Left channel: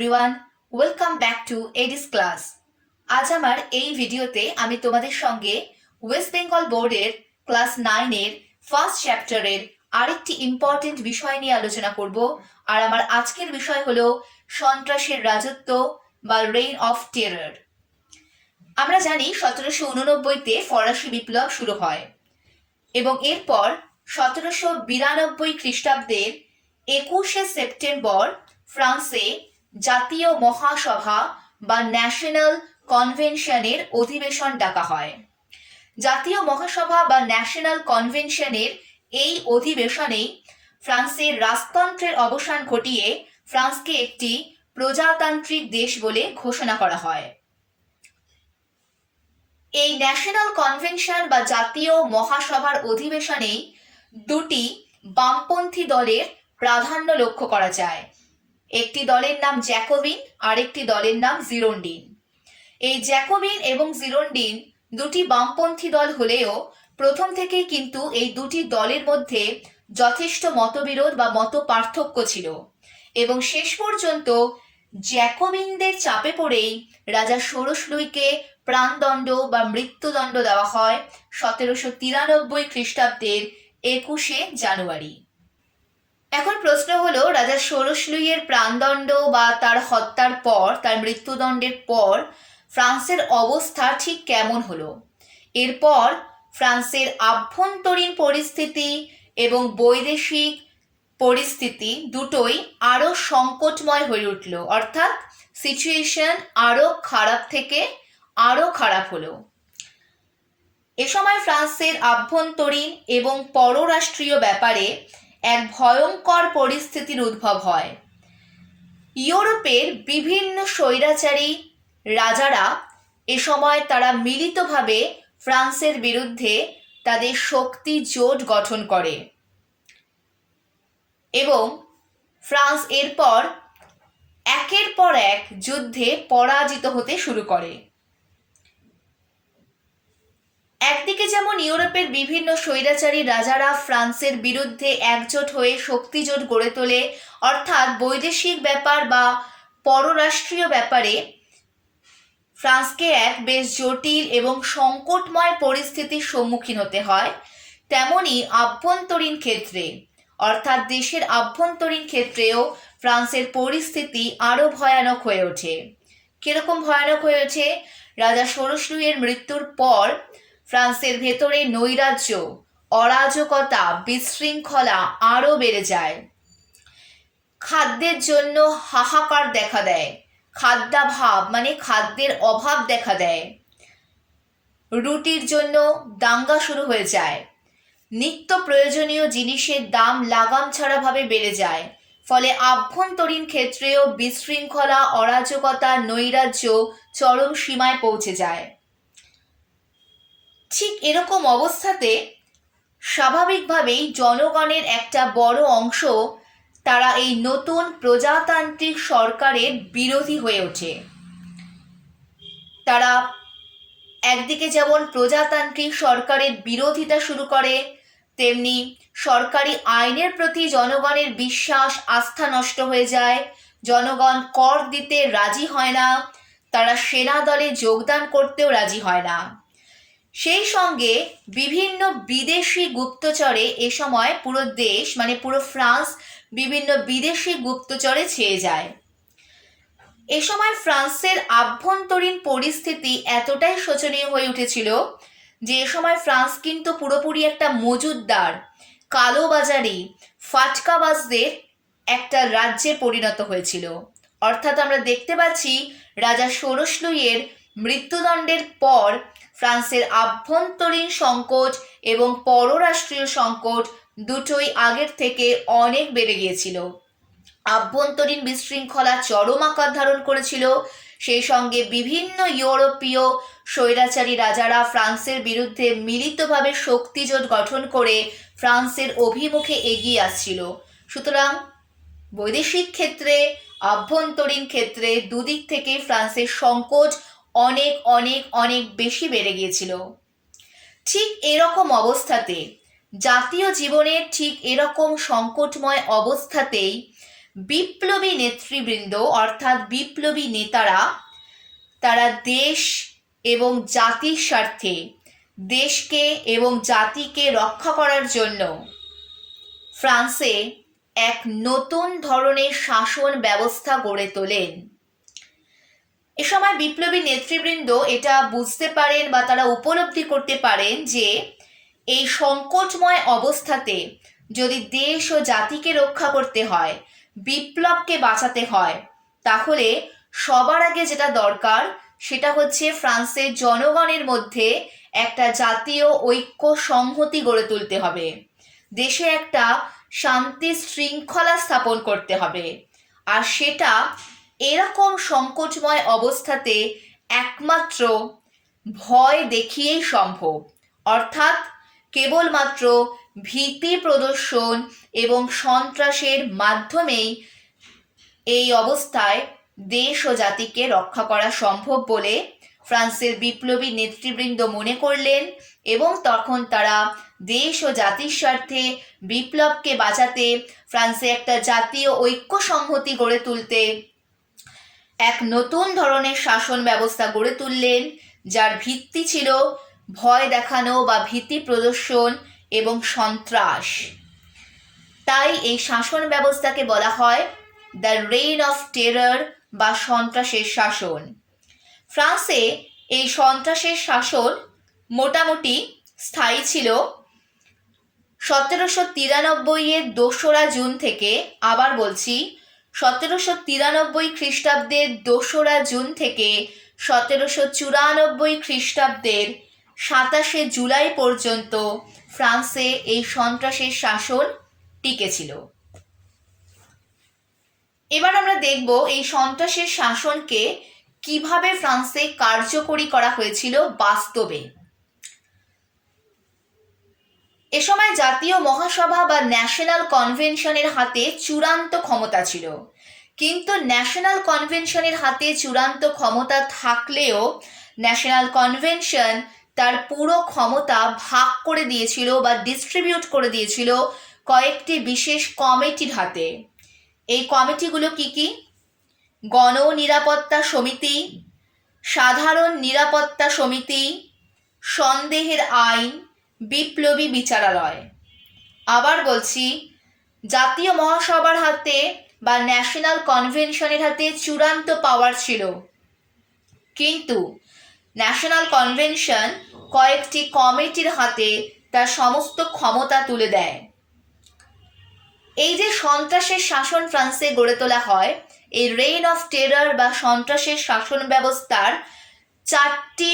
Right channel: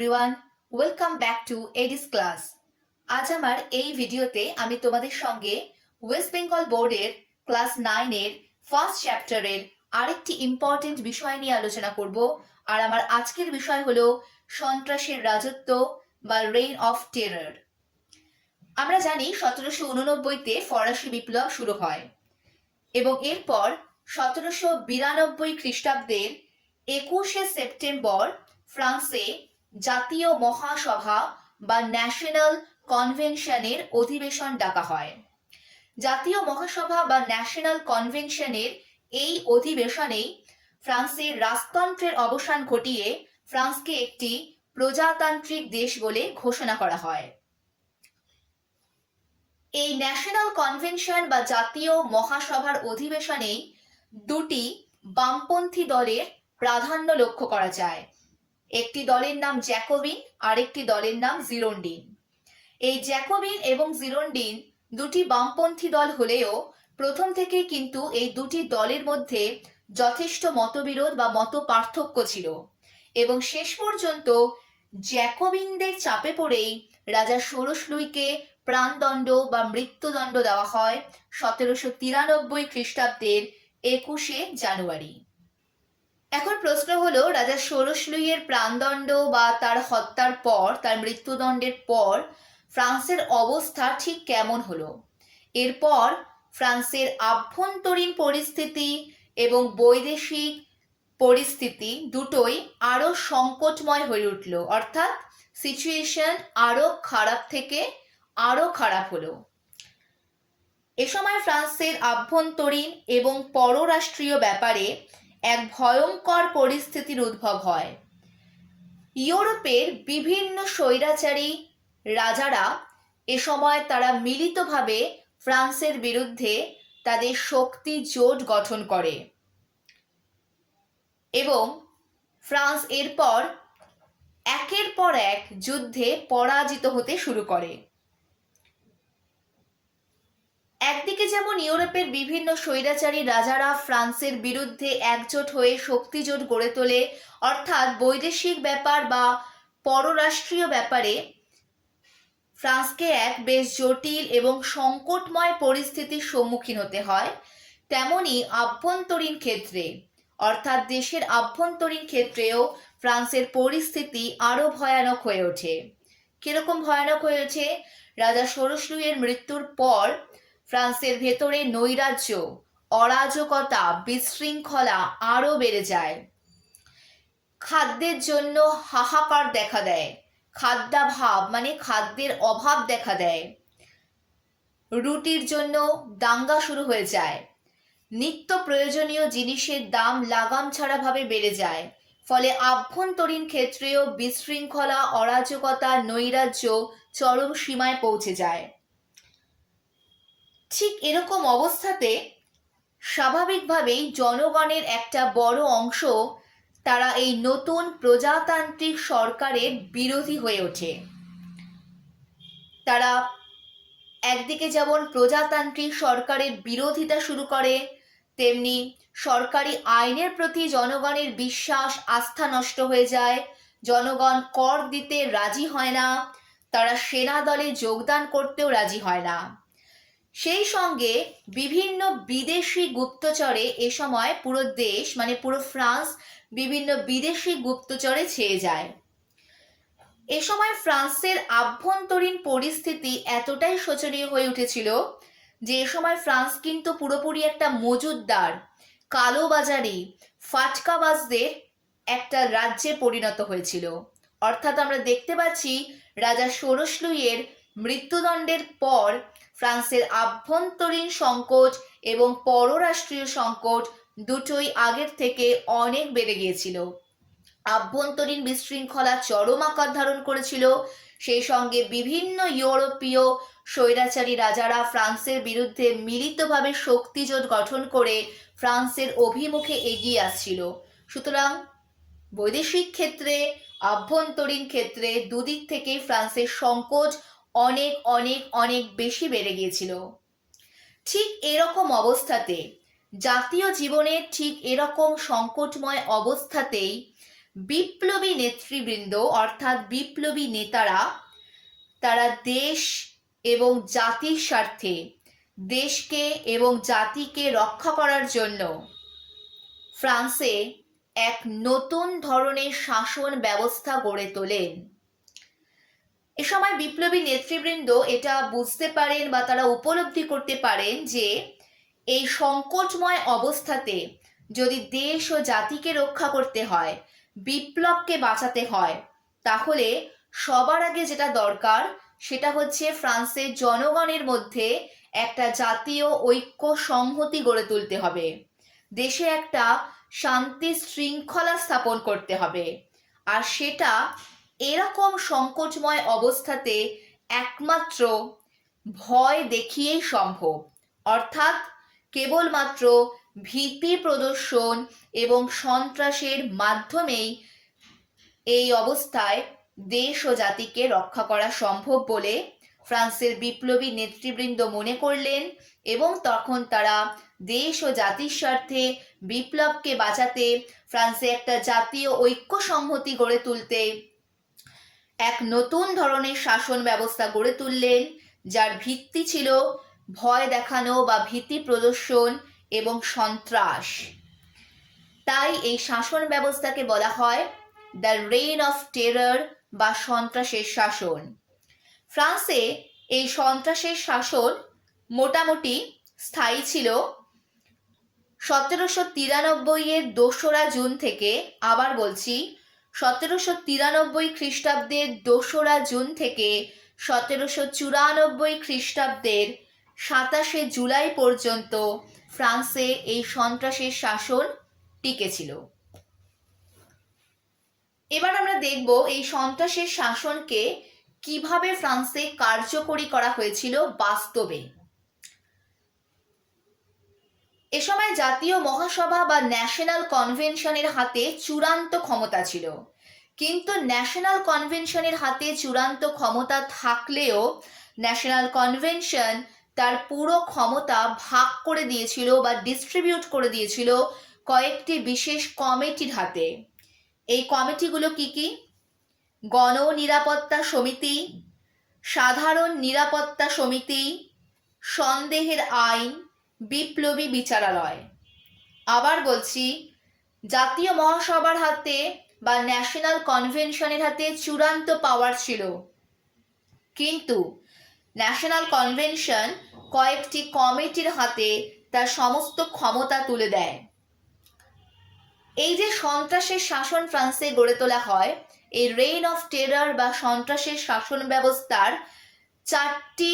Everyone, welcome back to Aedes class. আজ আমার এই ভিডিওতে আমি তোমাদের সঙ্গে ওয়েস্ট বেঙ্গল বোর্ডের ক্লাস 9-এর ফার্স্ট চ্যাপ্টারের আরেকটি ইম্পর্টেন্ট বিষয় নিয়ে আলোচনা করব। আর আমার আজকের বিষয় হলো সন্ত্রাসের রাজত্ব বা রেইন অফ টেরর। আমরা জানি 1789-তে ফরাসি বিপ্লব শুরু হয় এবং এরপর 1792 খ্রিস্টাব্দের 21শে সেপ্টেম্বর ফ্রান্সে জাতীয় মহাসভা বা ন্যাশনাল কনভেনশনের অধিবেশন ডাকা হয়। জাতীয় মহাসভা বা ন্যাশনাল কনভেনশনের এই অধিবেশনেই ফ্রান্সের রাজতন্ত্রের অবসান ঘটিয়ে ফ্রান্সকে একটি প্রজাতান্ত্রিক দেশ বলে ঘোষণা করা হয়। এই ন্যাশনাল কনভেনশন বা জাতীয় মহাসভার অধিবেশনে দুটি বামপন্থী দলের প্রাধান্য লক্ষ্য করা যায়। একটি দলের নাম জ্যাকোবিন, আরেকটি দলের নাম জিরোন্ডিন। এই জ্যাকোবিন এবং জিরোন্ডিন দুটি বামপন্থী দল হলেও প্রথম থেকেই কিন্তু এই দুটি দলের মধ্যে যথেষ্ট মতবিরোধ বা মত পার্থক্য ছিল এবং শেষ পর্যন্ত জ্যাকোবিনদের চাপে পড়েই রাজা ষোড়শ লুইকে প্রাণদণ্ড বা মৃত্যুদণ্ড দেওয়া হয় 1793 খ্রিস্টাব্দের 21শে জানুয়ারি। এখন প্রশ্ন হলো, রাজা ষোড়শ লুইয়ের প্রাণদণ্ড বা তার হত্যার পর, তার মৃত্যুদণ্ডের পর ফ্রান্সের অবস্থা ঠিক কেমন হলো? এরপর ফ্রান্সের আভ্যন্তরীণ পরিস্থিতি এবং বৈদেশিক পরিস্থিতি দুটোই আরো সংকটময় হয়ে উঠল, অর্থাৎ সিচুয়েশন আরো খারাপ থেকে আরো খারাপ হলো। এ সময় ফ্রান্সের আভ্যন্তরীণ এবং পররাষ্ট্রীয় ব্যাপারে এক ভয়ঙ্কর পরিস্থিতির উদ্ভব হয়। ইউরোপের বিভিন্ন স্বৈরাচারী রাজারা এ সময় তারা মিলিতভাবে ফ্রান্সের বিরুদ্ধে তাদের শক্তি জোট গঠন করে এবং ফ্রান্স এরপর একের পর এক যুদ্ধে পরাজিত হতে শুরু করে। একদিকে যেমন ইউরোপের বিভিন্ন স্বৈরাচারী রাজারা ফ্রান্সের বিরুদ্ধে একজোট হয়ে শক্তিজোট গড়ে তোলে, অর্থাৎ বৈদেশিক ব্যাপার বা পররাষ্ট্রীয় ব্যাপারে ফ্রান্সকে এক বেশ জটিল এবং সংকটময় পরিস্থিতির সম্মুখীন হতে হয়। তেমনি আভ্যন্তরীণ ক্ষেত্রে, অর্থাৎ দেশের আভ্যন্তরীণ ক্ষেত্রেও ফ্রান্সের পরিস্থিতি আরো ভয়ানক হয়ে ওঠে। কিরকম ভয়ানক হয়ে ওঠে? রাজা ষোড়শ লুইয়ের মৃত্যুর পর ফ্রান্সের ভেতরে নৈরাজ্য, অরাজকতা, বিশৃঙ্খলা আরো বেড়ে যায়। খাদ্যের জন্য হাহাকার দেখা দেয়, খাদ্যাভাব মানে খাদ্যের অভাব দেখা দেয়। রুটির জন্য দাঙ্গা শুরু হয়ে যায়। নিত্য প্রয়োজনীয় জিনিসের দাম লাগাম ছাড়া ভাবে বেড়ে যায়। ফলে আভ্যন্তরীণ ক্ষেত্রেও বিশৃঙ্খলা, অরাজকতা, নৈরাজ্য চরম সীমায় পৌঁছে যায়। ঠিক এরকম অবস্থাতে স্বাভাবিকভাবেই জনগণের একটা বড় অংশ তারা এই নতুন প্রজাতান্ত্রিক সরকারের বিরোধী হয়ে ওঠে। তারা একদিকে যেমন প্রজাতান্ত্রিক সরকারের বিরোধিতা শুরু করে, তেমনি সরকারি আইনের প্রতি জনগণের বিশ্বাস, আস্থা নষ্ট হয়ে যায়। জনগণ কর দিতে রাজি হয় না, তারা সেনা দলে যোগদান করতেও রাজি হয় না। সেই সঙ্গে বিভিন্ন বিদেশি গুপ্তচরে এ সময় পুরো দেশ মানে পুরো ফ্রান্স বিভিন্ন বিদেশি গুপ্তচরে ছেয়ে যায়। এ সময় ফ্রান্সের আভ্যন্তরীণ পরিস্থিতি এতটাই শোচনীয় হয়ে উঠেছিল যে এ সময় ফ্রান্স কিন্তু পুরোপুরি একটা মজুদদার, কালোবাজারি, ফাটকাবাজদের একটা রাজ্যে পরিণত হয়েছিল। অর্থাৎ আমরা দেখতে পাচ্ছি রাজা ষোড়শ লুইয়ের মৃত্যুদণ্ডের পর ফ্রান্সের আভ্যন্তরীণ সংকট এবং পররাষ্ট্রীয় সংকট দুটোই আগের থেকে অনেক বেড়ে গিয়েছিল। আভ্যন্তরীণ বিশৃঙ্খলা চরম আকার ধারণ করেছিল। সেই সঙ্গে বিভিন্ন ইউরোপীয় স্বৈরাচারী রাজারা ফ্রান্সের বিরুদ্ধে মিলিতভাবে শক্তিজোট গঠন করে ফ্রান্সের অভিমুখে এগিয়ে আসছিল। সুতরাং বৈদেশিক ক্ষেত্রে, আভ্যন্তরীণ ক্ষেত্রে দুদিক থেকে ফ্রান্সের সংকট অনেক অনেক অনেক বেশি বেড়ে গিয়েছিল। ঠিক এরকম অবস্থাতে, জাতীয় জীবনের ঠিক এরকম সংকটময় অবস্থাতেই বিপ্লবী নেতৃবৃন্দ অর্থাৎ বিপ্লবী নেতারা তারা দেশ এবং জাতির স্বার্থে দেশকে এবং জাতিকে রক্ষা করার জন্য ফ্রান্সে এক নতুন ধরনের শাসন ব্যবস্থা গড়ে তোলেন। এ সময় বিপ্লবী নেতৃবৃন্দ এটা বুঝতে পারেন বা তারা উপলব্ধি করতে পারেন যে এই সংকটময় অবস্থাতে যদি দেশ ও জাতিকে রক্ষা করতে হয়, বিপ্লবকে বাঁচাতে হয়, তাহলে সবার আগে যেটা দরকার সেটা হচ্ছে ফ্রান্সের জনগণের মধ্যে একটা জাতীয় ঐক্য সংহতি গড়ে তুলতে হবে, দেশে একটা শান্তি শৃঙ্খলা স্থাপন করতে হবে। আর সেটা এরকম সংকটময় অবস্থাতে একমাত্র ভয় দেখিয়েই সম্ভব, অর্থাৎ কেবলমাত্র ভীতি প্রদর্শন এবং সন্ত্রাসের মাধ্যমেই এই অবস্থায় দেশ ও জাতিকে রক্ষা করা সম্ভব বলে ফ্রান্সের বিপ্লবী নেতৃবৃন্দ মনে করলেন এবং তখন তারা দেশ ও জাতির স্বার্থে বিপ্লবকে বাঁচাতে ফ্রান্সে একটা জাতীয় ঐক্য সংহতি গড়ে তুলতে এক নতুন ধরনের শাসন ব্যবস্থা গড়ে তুললেন, যার ভিত্তি ছিল ভয় দেখানো বা ভীতি প্রদর্শন এবং সন্ত্রাস। তাই এই শাসন ব্যবস্থাকে বলা হয় দ্য রেইন অফ টেরর বা সন্ত্রাসের শাসন। ফ্রান্সে এই সন্ত্রাসের শাসন মোটামুটি স্থায়ী ছিল 1793-এর 2রা জুন থেকে, আবার বলছি 1793 খ্রিস্টাব্দের 2রা জুন থেকে 1794 খ্রিস্টাব্দের 27শে জুলাই পর্যন্ত ফ্রান্সে এই সন্ত্রাসের শাসন টিকেছিল। এবার আমরা দেখব এই সন্ত্রাসের শাসনকে কিভাবে ফ্রান্সে কার্যকরী করা হয়েছিল বাস্তবে। এ সময় জাতীয় মহাসভা বা ন্যাশনাল কনভেনশনের হাতে চূড়ান্ত ক্ষমতা ছিল, কিন্তু ন্যাশনাল কনভেনশনের হাতে চূড়ান্ত ক্ষমতা থাকলেও ন্যাশনাল কনভেনশন তার পুরো ক্ষমতা ভাগ করে দিয়েছিল বা ডিস্ট্রিবিউট করে দিয়েছিল কয়েকটি বিশেষ কমিটির হাতে। এই কমিটিগুলো কি কি? গণ নিরাপত্তা সমিতি, সাধারণ নিরাপত্তা সমিতি, সন্দেহের আইন, বিপ্লবী বিচারালয়। আবার বলছি, জাতীয় মহাসভার হাতে বা ন্যাশনাল কনভেনশনের হাতে চূড়ান্ত পাওয়ার ছিল, কিন্তু ন্যাশনাল কনভেনশন কয়েকটি কমিটির হাতে তার সমস্ত ক্ষমতা তুলে দেয়। এই যে সন্ত্রাসের শাসন ফ্রান্সে গড়ে তোলা হয়, এই রেইন অফ টেরর বা সন্ত্রাসের শাসন ব্যবস্থার 4টি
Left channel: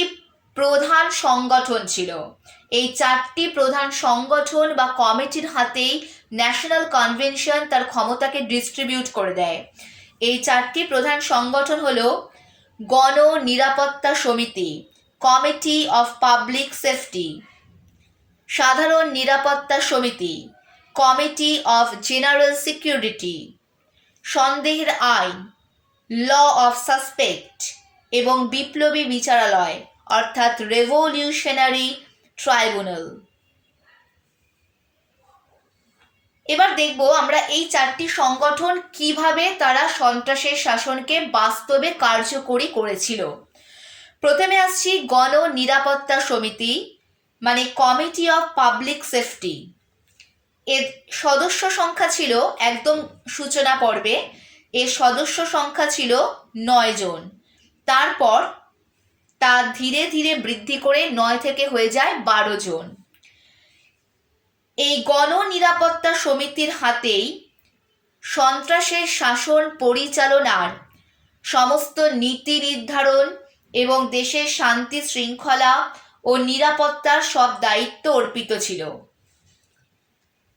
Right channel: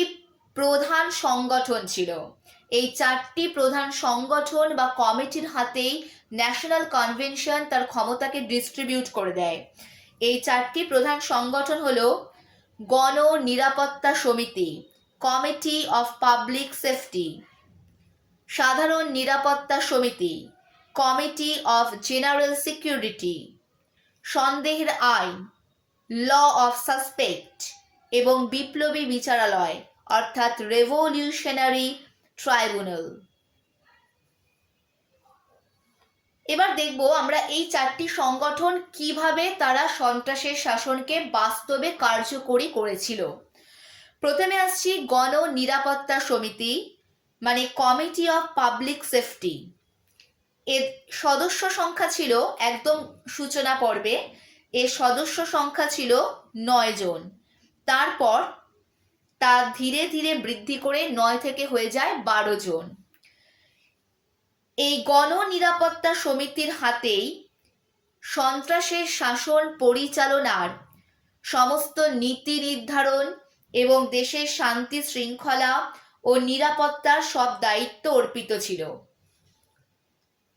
প্রধান সংগঠন ছিল। এই 4টি প্রধান সংগঠন বা কমিটির হাতেই ন্যাশনাল কনভেনশন তার ক্ষমতাকে ডিস্ট্রিবিউট করে দেয়। এই 4টি প্রধান সংগঠন হলো গণ নিরাপত্তা সমিতি, কমিটি অফ পাবলিক সেফটি, সাধারণ নিরাপত্তা সমিতি, কমিটি অফ জেনারেল সিকিউরিটি, সন্দেহের আইন, ল অফ সাসপেক্ট এবং বিপ্লবী বিচারালয় অর্থাৎ রেভলিউশনারি ট্রাইব্যুনাল। এবার দেখব আমরা এই 4টি সংগঠন কিভাবে তারা সন্ত্রাসের শাসনকে বাস্তবে কার্যকরী করেছিল। প্রথমে আসছি গণ নিরাপত্তা সমিতি মানে কমিটি অফ পাবলিক সেফটি। এর সদস্য সংখ্যা ছিল একদম সূচনা পর্বে এর সদস্য সংখ্যা ছিল 9 জন, তারপর তা ধীরে ধীরে বৃদ্ধি করে 9 থেকে হয়ে যায় 12 জন। এই গণ নিরাপত্তা সমিতির হাতেই সন্ত্রাসের শাসন পরিচালনার সমস্ত নীতি নির্ধারণ এবং দেশের শান্তি শৃঙ্খলা ও নিরাপত্তার সব দায়িত্ব অর্পিত ছিল।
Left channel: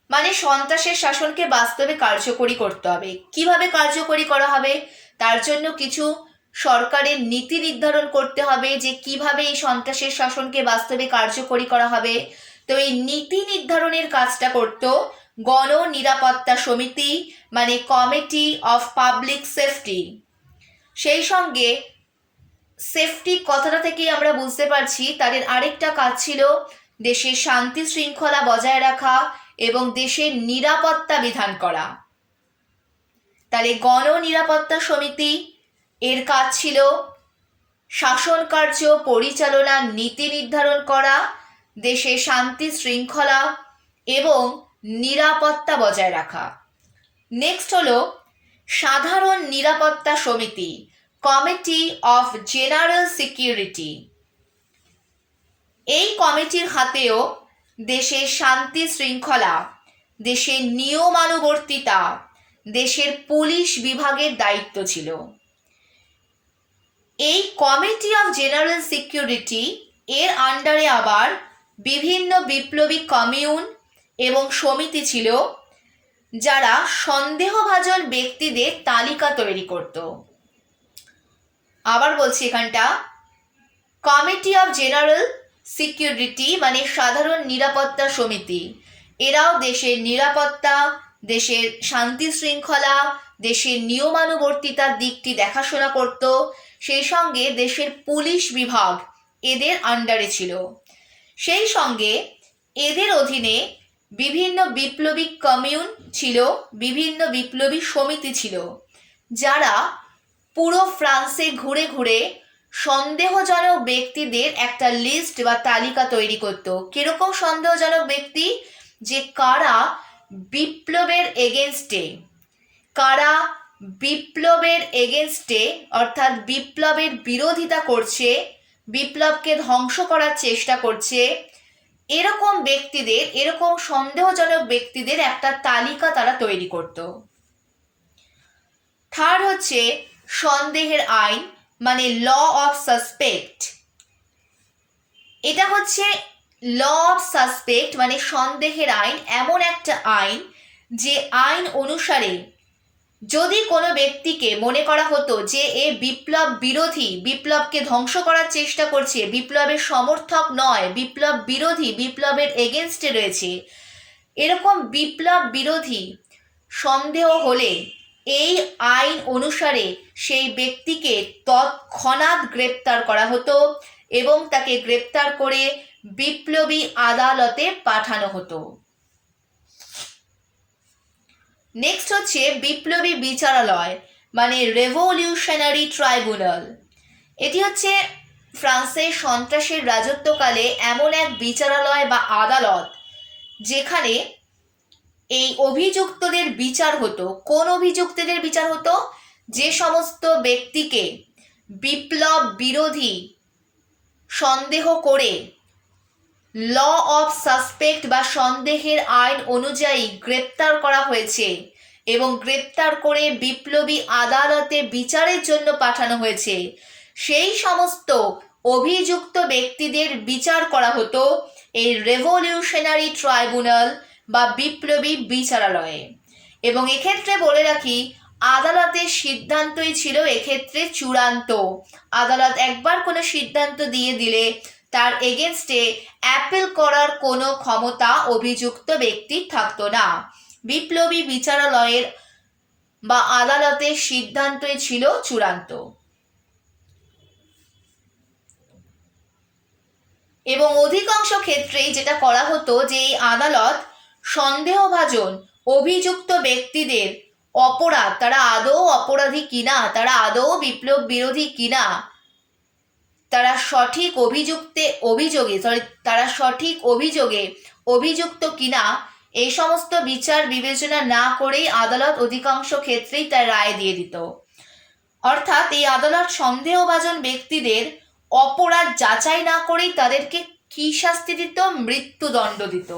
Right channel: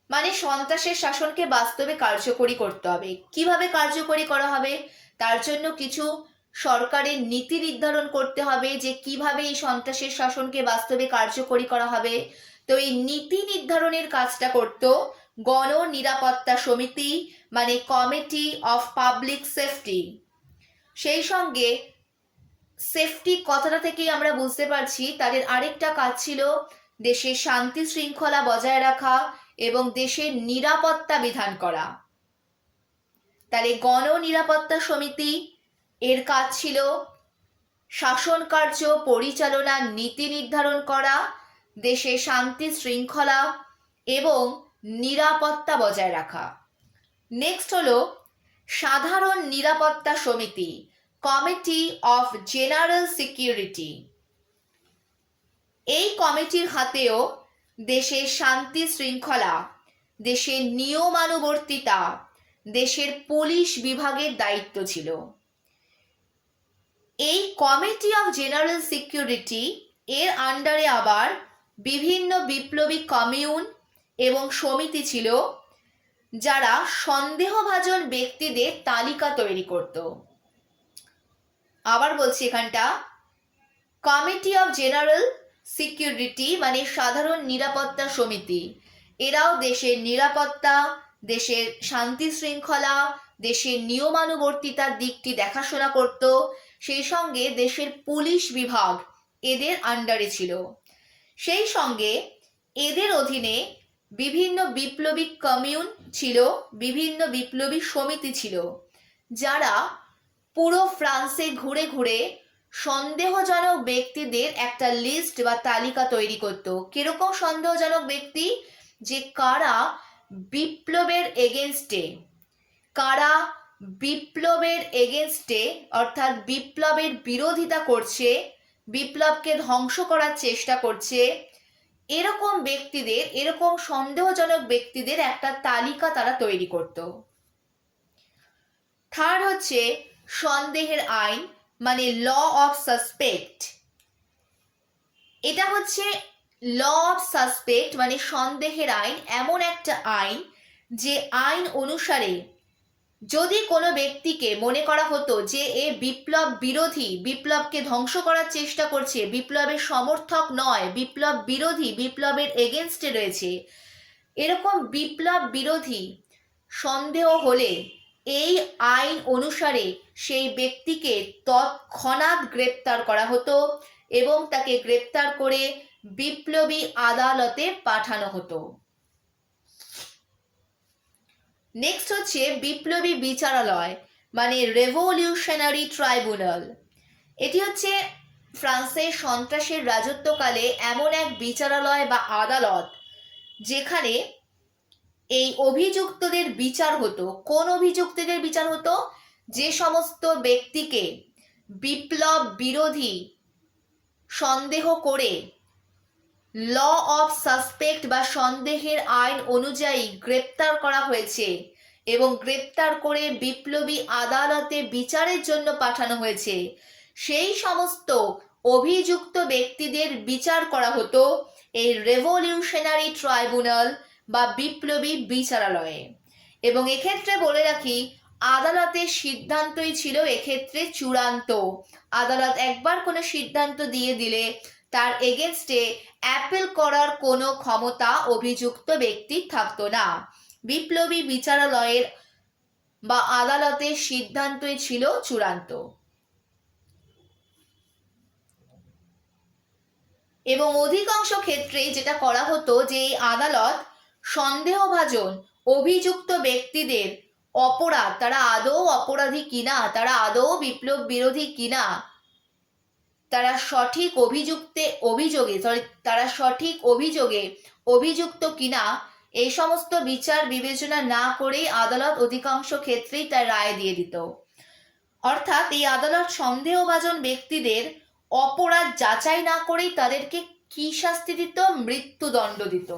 মানে সন্ত্রাসের শাসনকে বাস্তবে কার্যকরী করতে হবে। কিভাবে কার্যকরী করা হবে? তার জন্য কিছু সরকারের নীতি নির্ধারণ করতে হবে যে কিভাবে এই সন্ত্রাসের শাসনকে বাস্তবে কার্যকরী করা হবে। তো এই নীতি নির্ধারণের কাজটা করত গণ নিরাপত্তা সমিতি মানে কমিটি অফ পাবলিক সেফটি। সেই সঙ্গে সেফটি কথাটা থেকেই আমরা বুঝতে পারছি তাদের আরেকটা কাজ ছিল দেশের শান্তি শৃঙ্খলা বজায় রাখা এবং দেশের নিরাপত্তা বিধান করা। তাহলে গণ নিরাপত্তা সমিতি এর কাজ ছিল শাসন কার্য পরিচালনার নীতি নির্ধারণ করা, দেশে শান্তি শৃঙ্খলা এবং নিরাপত্তা বজায় রাখা। নেক্সট হলো সাধারণ নিরাপত্তা সমিতি, কমিটি অফ জেনারেল সিকিউরিটি। এই কমিটির হাতেও দেশের শান্তি শৃঙ্খলা, দেশের নিয়মানুবর্তিতা, দেশের পুলিশ বিভাগের দায়িত্ব ছিল। এই কমিটি অফ জেনারেল সিকিউরিটি এর আন্ডারে আবার বিভিন্ন বিপ্লবী কমিউন এবং সমিতি ছিল, যারা সন্দেহভাজন ব্যক্তিদের তালিকা তৈরি করত। আবার বলছি এখানটা, কমিটি অফ জেনারেল সিকিউরিটি মানে সাধারণ নিরাপত্তা সমিতি, এরাও দেশের নিরাপত্তা, দেশের শান্তি শৃঙ্খলা, দেশের নিয়মানুবর্তিতার দিকটি দেখাশোনা করত। সেই সঙ্গে দেশের পুলিশ বিভাগ এদের আন্ডারে ছিল। সেই সঙ্গে এদের অধীনে বিভিন্ন বিপ্লবী কমিউন ছিল, বিভিন্ন বিপ্লবী সমিতি ছিল, যারা পুরো ফ্রান্সে ঘুরে ঘুরে সন্দেহজনক ব্যক্তিদের একটা লিস্ট বা তালিকা তৈরি করত। কিরকম সন্দেহজনক ব্যক্তি? যে কারা বিপ্লবের এগেনস্টে, কারা বিপ্লবের এগেনস্টে অর্থাৎ বিপ্লবের বিরোধিতা করছে, বিপ্লবকে ধ্বংস করার চেষ্টা করছে, এরকম ব্যক্তিদের, এরকম সন্দেহজনক ব্যক্তিদের একটা তালিকা তারা তৈরি করত। থার্ড হচ্ছে সন্দেহের আইন মানে ল অফ সাসপেক্ট। এটা হচ্ছে ল অফ সাসপেক্ট মানে সন্দেহের আইন, এমন একটা আইন যে আইন অনুসারে যদি কোনো ব্যক্তিকে মনে করা হতো যে এ বিপ্লব বিরোধী, বিপ্লবকে ধ্বংস করার চেষ্টা করছে, বিপ্লবের সমর্থক নয়, বিপ্লব বিরোধী, বিপ্লবের এগেনস্টে রয়েছে, এরকম বিপ্লব বিরোধী সন্দেহ হলে এই আইন অনুসারে সেই ব্যক্তিকে তৎক্ষণাৎ গ্রেপ্তার করা হতো এবং তাকে গ্রেপ্তার করে বিপ্লবী আদালতে পাঠানো হতো। নেক্সট হচ্ছে বিপ্লবী বিচারালয় মানে রেভলিউশনারি ট্রাইব্যুনাল। এটি হচ্ছে ফ্রান্সের সন্ত্রাসের রাজত্বকালে এমন এক বিচারালয় বা আদালত যেখানে এই অভিযুক্তদের বিচার হতো। কোন অভিযুক্তদের বিচার হতো? যে সমস্ত ব্যক্তিকে বিপ্লব বিরোধী সন্দেহ করে ল অফ সাসপেক্ট বা সন্দেহের আইন অনুযায়ী গ্রেপ্তার করা হয়েছে এবং গ্রেপ্তার করে বিপ্লবী আদালতে বিচারের জন্য পাঠানো হয়েছে, সেই সমস্ত অভিযুক্ত ব্যক্তিদের বিচার করা হতো এই রেভলিউশনারি ট্রাইব্যুনাল বা বিপ্লবী বিচারালয়ে। এবং এক্ষেত্রে বলে রাখি, আদালতের সিদ্ধান্তই ছিল এক্ষেত্রে চূড়ান্ত। আদালত একবার কোনো সিদ্ধান্ত দিয়ে দিলে তার এগেনস্টে অ্যাপিল করার কোনো ক্ষমতা অভিযুক্ত ব্যক্তির থাকতো না। বিপ্লবী বিচারালয়ের বা আদালতের সিদ্ধান্তই ছিল চূড়ান্ত। এবং অধিকাংশ ক্ষেত্রেই যেটা করা হতো যে এই আদালত সন্দেহভাজন অভিযুক্ত ব্যক্তিদের অপরাধ, তারা আদৌ অপরাধী কিনা, তারা আদৌ বিপ্লব বিরোধী কিনা, তারা সঠিক অভিযোগে অভিযুক্ত কিনা, এই সমস্ত বিচার বিবেচনা না করেই আদালত অধিকাংশ ক্ষেত্রেই তার রায় দিয়ে দিত। অর্থাৎ এই আদালত সন্দেহভাজন ব্যক্তিদের অপরাধ যাচাই না করেই তাদেরকে কি শাস্তি দিত? মৃত্যুদণ্ড দিত।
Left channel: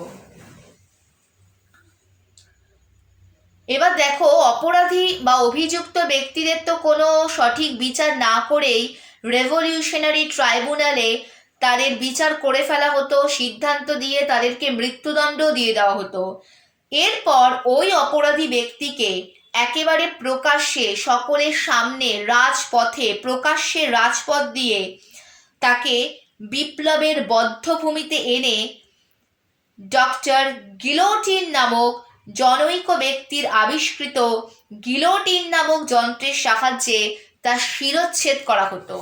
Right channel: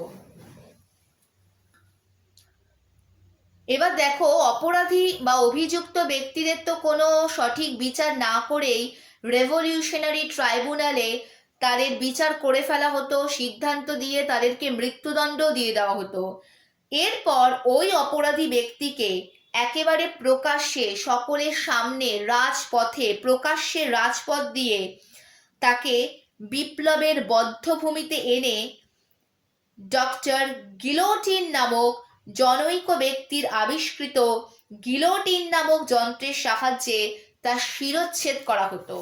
এবার দেখো, অপরাধী বা অভিযুক্ত ব্যক্তিদের তো কোনো সঠিক বিচার না করেই রেভলিউশনারি ট্রাইব্যুনালে তাদের বিচার করে ফেলা হতো, সিদ্ধান্ত দিয়ে তাদেরকে মৃত্যুদণ্ড দিয়ে দেওয়া হতো। এরপর ওই অপরাধী ব্যক্তিকে একেবারে প্রকাশ্যে সকলের সামনে রাজপথে, প্রকাশ্যে রাজপথ দিয়ে তাকে বিপ্লবের বধ্যভূমিতে এনে ডক্টর গিলোটিন নামক জনৈক ব্যক্তির আবিষ্কৃত গিলোটিন নামক যন্ত্রের সাহায্যে তা শিরচ্ছেদ করা হতো।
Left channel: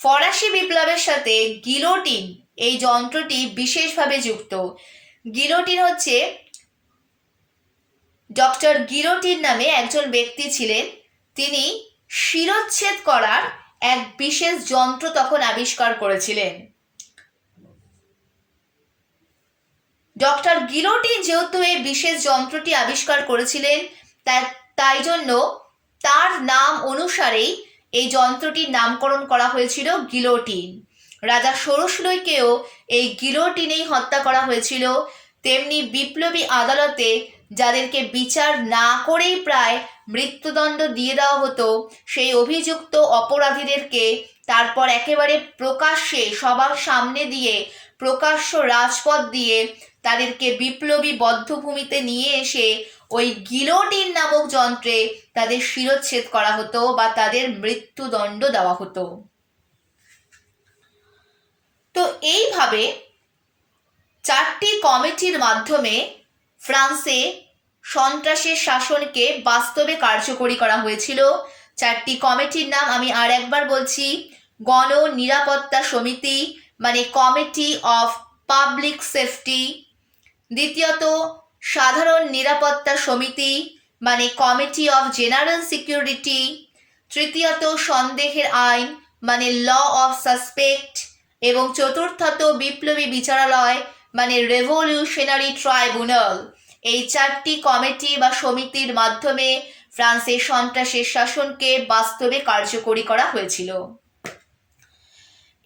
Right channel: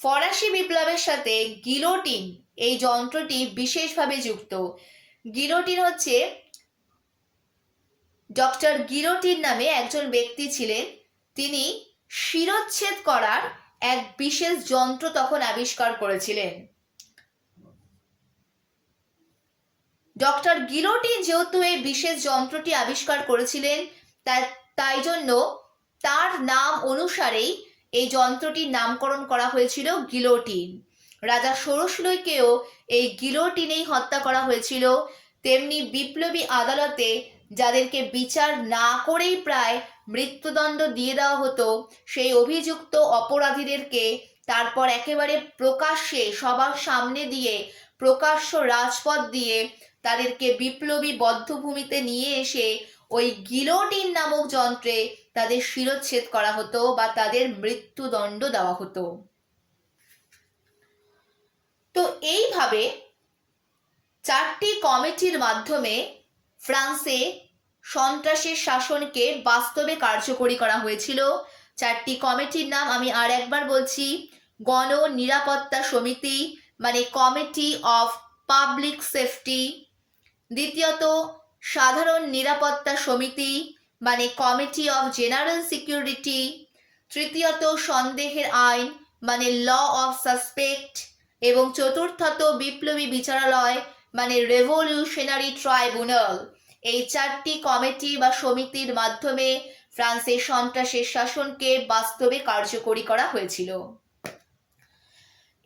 ফরাসি বিপ্লবের সাথে গিলোটিন এই যন্ত্রটি বিশেষভাবে যুক্ত। গিলোটিন হচ্ছে ডক্টর গিলোটিন নামে একজন ব্যক্তি ছিলেন। তিনি শিরচ্ছেদ করার এক বিশেষ যন্ত্র তখন আবিষ্কার করেছিলেন। ডক্টর গিলোটিন যেহেতু এই বিশেষ যন্ত্রটি আবিষ্কার করেছিলেন, তাই জন্য তার নাম অনুসারেই এই যন্ত্রটির নামকরণ করা হয়েছিল গিলোটিন। রাজা ষোড়শীকেও এই গিলোটিনেই হত্যা করা হয়েছিল। তেমনি বিপ্লবী আদালতে যাদেরকে বিচার না করেই প্রায় মৃত্যুদণ্ড দিয়ে দেওয়া হতো, সেই অভিযুক্ত অপরাধীদেরকে তারপর একেবারে প্রকাশ্যে সবার সামনে দিয়ে, প্রকাশ্য রাজপথ দিয়ে তাদেরকে বিপ্লবী বদ্ধভূমিতে নিয়ে এসে ওই গিলোটিন নামক যন্ত্রে তাদের শিরচ্ছেদ করা হতো বা তাদের মৃত্যুদণ্ড দেওয়া হতো। তো এইভাবে চারটি কমিটির মাধ্যমে ফ্রান্সে সন্ত্রাসের শাসনকে বাস্তবে কার্যকরী করা হয়েছিল। চারটি কমিটির নাম আমি আর একবার বলছি। গণ নিরাপত্তা সমিতি মানে কমিটি অফ পাবলিক সেফটি, দ্বিতীয়ত সাধারণ নিরাপত্তা সমিতি মানে কমিটি অফ জেনারেল সিকিউরিটি, তৃতীয়ত সন্দেহের আইন মানে ল অফ সাসপেক্ট, এবং চতুর্থত বিপ্লবী বিচারালয় মানে রেভলিউশনারি ট্রাইব্যুনাল। এই চারটি কমিটি বা সমিতির মাধ্যমে ফ্রান্সের সন্ত্রাসের শাসনকে বাস্তবে কার্যকরী করা হয়েছিল।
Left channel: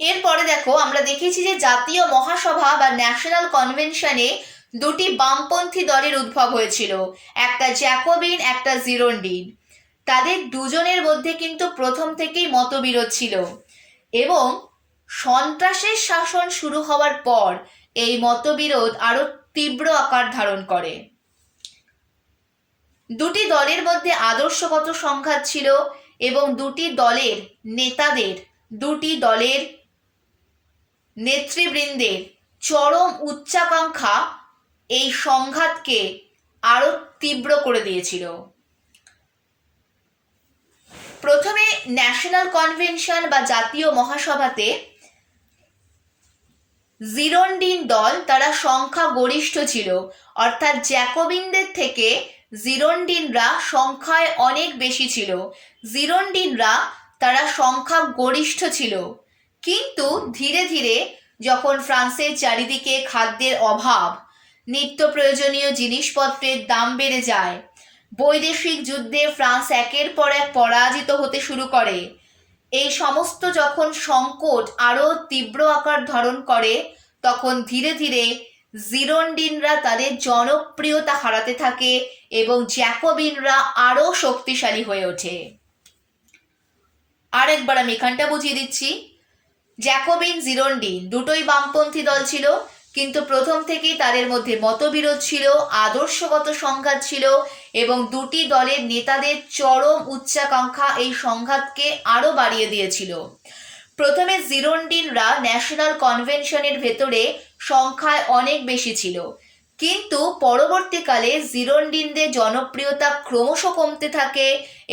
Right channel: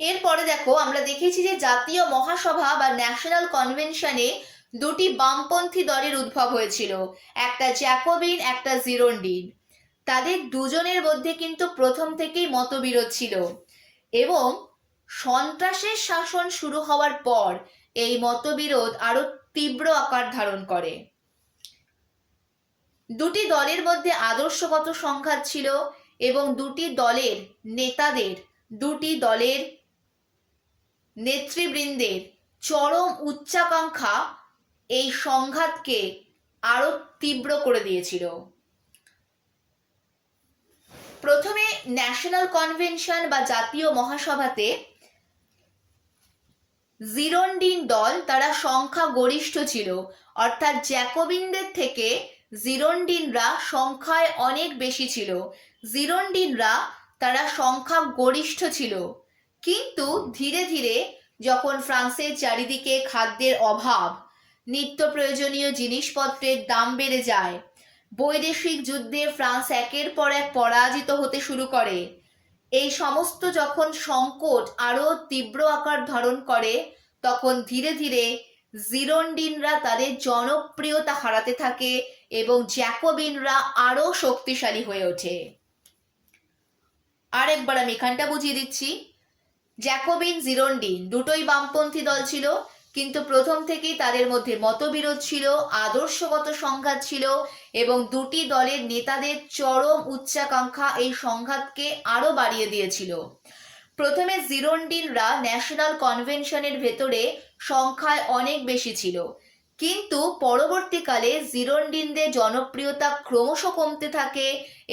এরপরে দেখো, আমরা দেখেছি যে জাতীয় মহাসভা বা ন্যাশনাল কনভেনশনে দুটি বামপন্থী দলের উদ্ভব হয়েছিল, একটা জ্যাকোবিন, একটা জিরোন্ডিন। তাদের দুজনের মধ্যে কিন্তু প্রথম থেকেই মতবিরোধ ছিল এবং সন্ত্রাসের শাসন শুরু হওয়ার পর এই মতবিরোধ আরো তীব্র আকার ধারণ করে। দুটি দলের মধ্যে আদর্শগত সংঘাত ছিল এবং দুটি দলের নেতাদের, দুটি দলের নেতৃবৃন্দের চরম উচ্চাকাঙ্ক্ষা এই সংঘাতকে আরো তীব্র করে দিয়েছিল। প্রথমে ন্যাশনাল কনভেনশন বা জাতীয় মহাসভাতে জিরোন্ডিন দল তারা সংখ্যা গরিষ্ঠ ছিল, অর্থাৎ জ্যাকোবিনদের থেকে জিরোন্ডিনরা সংখ্যায় অনেক বেশি ছিল। জিরোন্ডিনরা তারা সংখ্যা গরিষ্ঠ ছিল, কিন্তু ধীরে ধীরে যখন ফ্রান্সের চারিদিকে খাদ্যের অভাব, নিত্য প্রয়োজনীয় জিনিসপত্রের দাম বেড়ে যায়, বৈদেশিক যুদ্ধে ফ্রান্স একের পর এক পরাজিত হতে শুরু করে, এই সমস্ত যখন সংকট আরো তীব্র আকার ধারণ করে, তখন ধীরে ধীরে জিরোন্ডিনরা তাদের জনপ্রিয়তা হারাতে থাকে এবং জ্যাকোবিনরা আরো শক্তিশালী হয়ে ওঠে। আরেকবার আমি এখানটা বুঝিয়ে দিচ্ছি। জ্যাকোবিন, জিরোন্ডিন দুটোই বামপন্থী দল ছিল, কিন্তু প্রথম থেকেই তাদের মধ্যে মতবিরোধ ছিল, আদর্শগত সংঘাত ছিল এবং দুটি দলের নেতাদের চরম উচ্চাকাঙ্ক্ষা এই সংঘাতকে আরো বাড়িয়ে দিয়েছিল। প্রথমে জিরোন্ডিনরা ন্যাশনাল কনভেনশনের ভেতরে সংখ্যায় অনেক বেশি ছিল, কিন্তু পরবর্তীকালে জিরোন্ডিনদের জনপ্রিয়তা ক্রমশ কমতে থাকে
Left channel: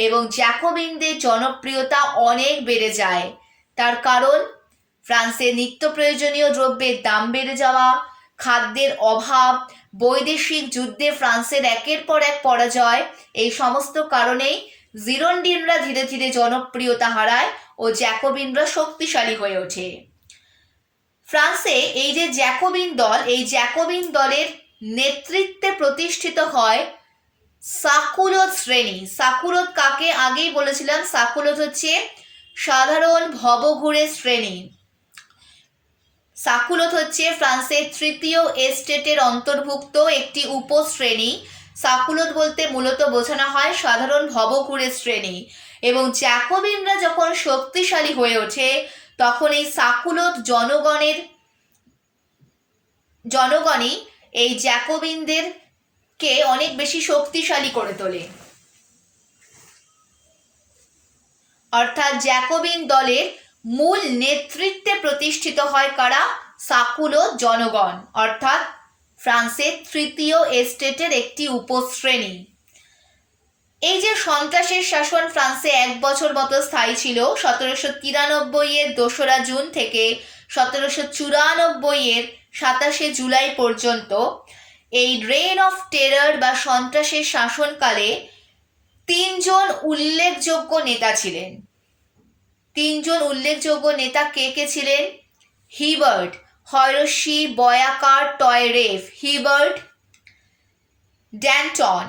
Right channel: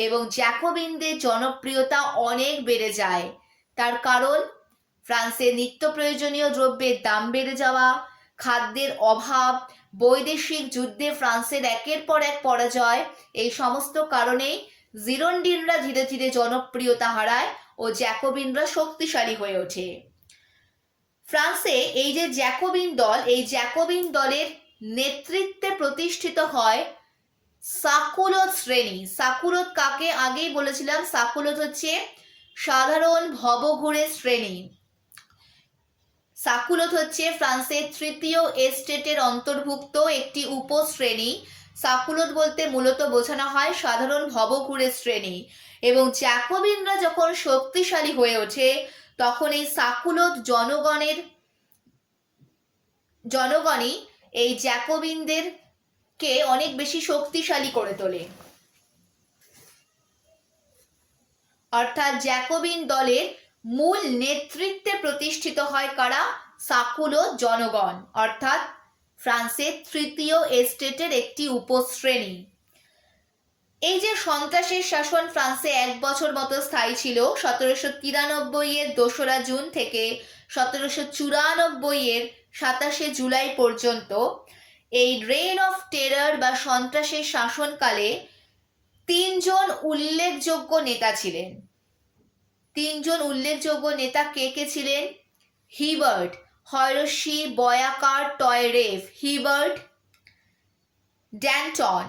এবং জ্যাকোবিনদের জনপ্রিয়তা অনেক বেড়ে যায়। তার কারণ ফ্রান্সে নিত্য প্রয়োজনীয় দ্রব্যের দাম বেড়ে যাওয়া, খাদ্যের অভাব, বৈদেশিক যুদ্ধে ফ্রান্সের একের পর এক পরাজয়, এই সমস্ত কারণেই জিরোন্ডিনরা ধীরে ধীরে জনপ্রিয়তা হারায় ও জ্যাকোবিনরা শক্তিশালী হয়ে ওঠে। ফ্রান্সে এই যে জ্যাকোবিন দল, এই জ্যাকোবিন দলের নেতৃত্বে প্রতিষ্ঠিত হয় সাকুলোত শ্রেণী। সাকুলোত কাকে আগেই বলেছিলাম, সাকুলোত হচ্ছে সাধারণ ভবঘুরে শ্রেণী। সাকুলোত হচ্ছে ফ্রান্সের তৃতীয় এস্টেটের অন্তর্ভুক্ত একটি উপশ্রেণী। সাকুলোত বলতে মূলত বোঝানো হয় সাধারণ ভবঘুরে শ্রেণী। এবং জ্যাকোবিনরা যখন শক্তিশালী হয়ে ওঠে, তখন এই সাকুলোত জনগণই এই জ্যাকোবিনদেরকে অনেক বেশি শক্তিশালী করে তোলে। অর্থাৎ জ্যাকোবিন দলের মূল নেতৃত্বে প্রতিষ্ঠিত হয় কারা? সাকুলোত জনগণ, অর্থাৎ ফ্রান্সের তৃতীয় এস্টেটের একটি উপশ্রেণী। এই যে সন্ত্রাসের শাসন ফ্রান্সে 1 বছর মতো স্থায়ী ছিল, 1793-এর 2রা জুন থেকে 1794-এর 27শে জুলাই পর্যন্ত, এই রেইন অফ টেরার বা সন্ত্রাসের শাসনকালে তিনজন উল্লেখযোগ্য নেতা ছিলেন। তিনজন উল্লেখযোগ্য নেতা কে কে ছিলেন? হিবার্ট, হয়রশি বয়াকার টয়রেফ, হিবার্ট, ড্যান্টন,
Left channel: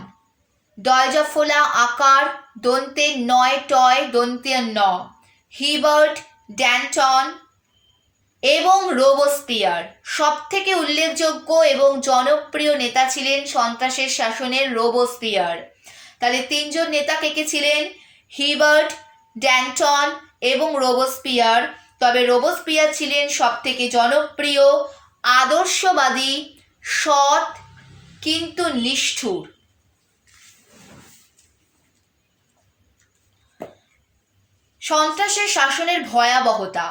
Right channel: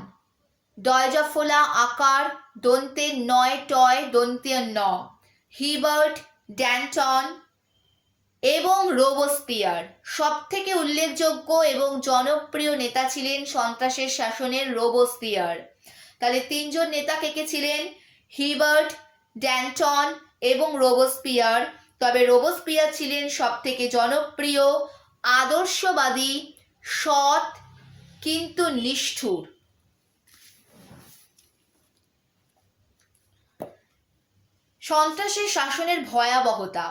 ডয়জফোলা আকার দন্তে নয় টয় দন্তে ন, হিবার্ট, ড্যান্টন এবং রোবস্পিয়ার। সব থেকে উল্লেখযোগ্য এবং জনপ্রিয় নেতা ছিলেন সন্ত্রাসের শাসনের রোবস্পিয়ার। তাহলে তিনজন নেতা কে কে ছিলেন? হিবার্ট, ড্যান্টন এবং রোবস্পিয়ার। তবে রোবস্পিয়ার ছিলেন সব থেকে জনপ্রিয়, আদর্শবাদী, সৎ কিন্তু নিষ্ঠুর। সন্ত্রাসের শাসনের ভয়াবহতা।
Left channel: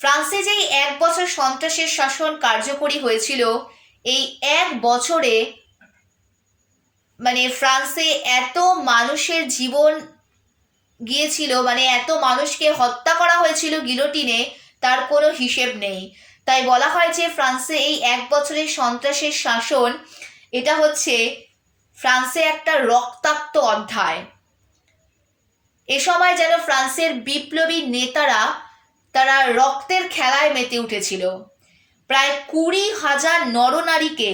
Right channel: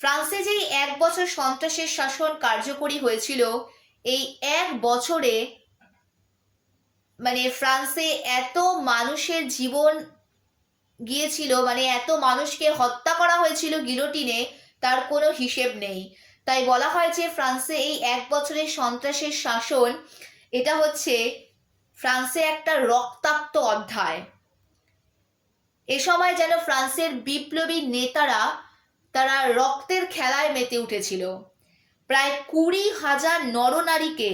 ফ্রান্সে যেই 1 বছর সন্ত্রাসের শাসন কার্যকরী হয়েছিল, এই 1 বছরে ফ্রান্সে এত মানুষের জীবন গিয়েছিল, এত মানুষকে হত্যা করা হয়েছিল গিলোটিনে, তার কোনো হিসেব নেই। তাই বলা হয় যে ফ্রান্সে এই 1 বছরের সন্ত্রাসের শাসন, এটা হচ্ছে ফ্রান্সে একটা রক্তাক্ত অধ্যায়। এ সময় যেন ফ্রান্সের বিপ্লবী নেতারা তারা রক্তের খেলায় মেতে উঠেছিল। প্রায় 20,000 নরনারীকে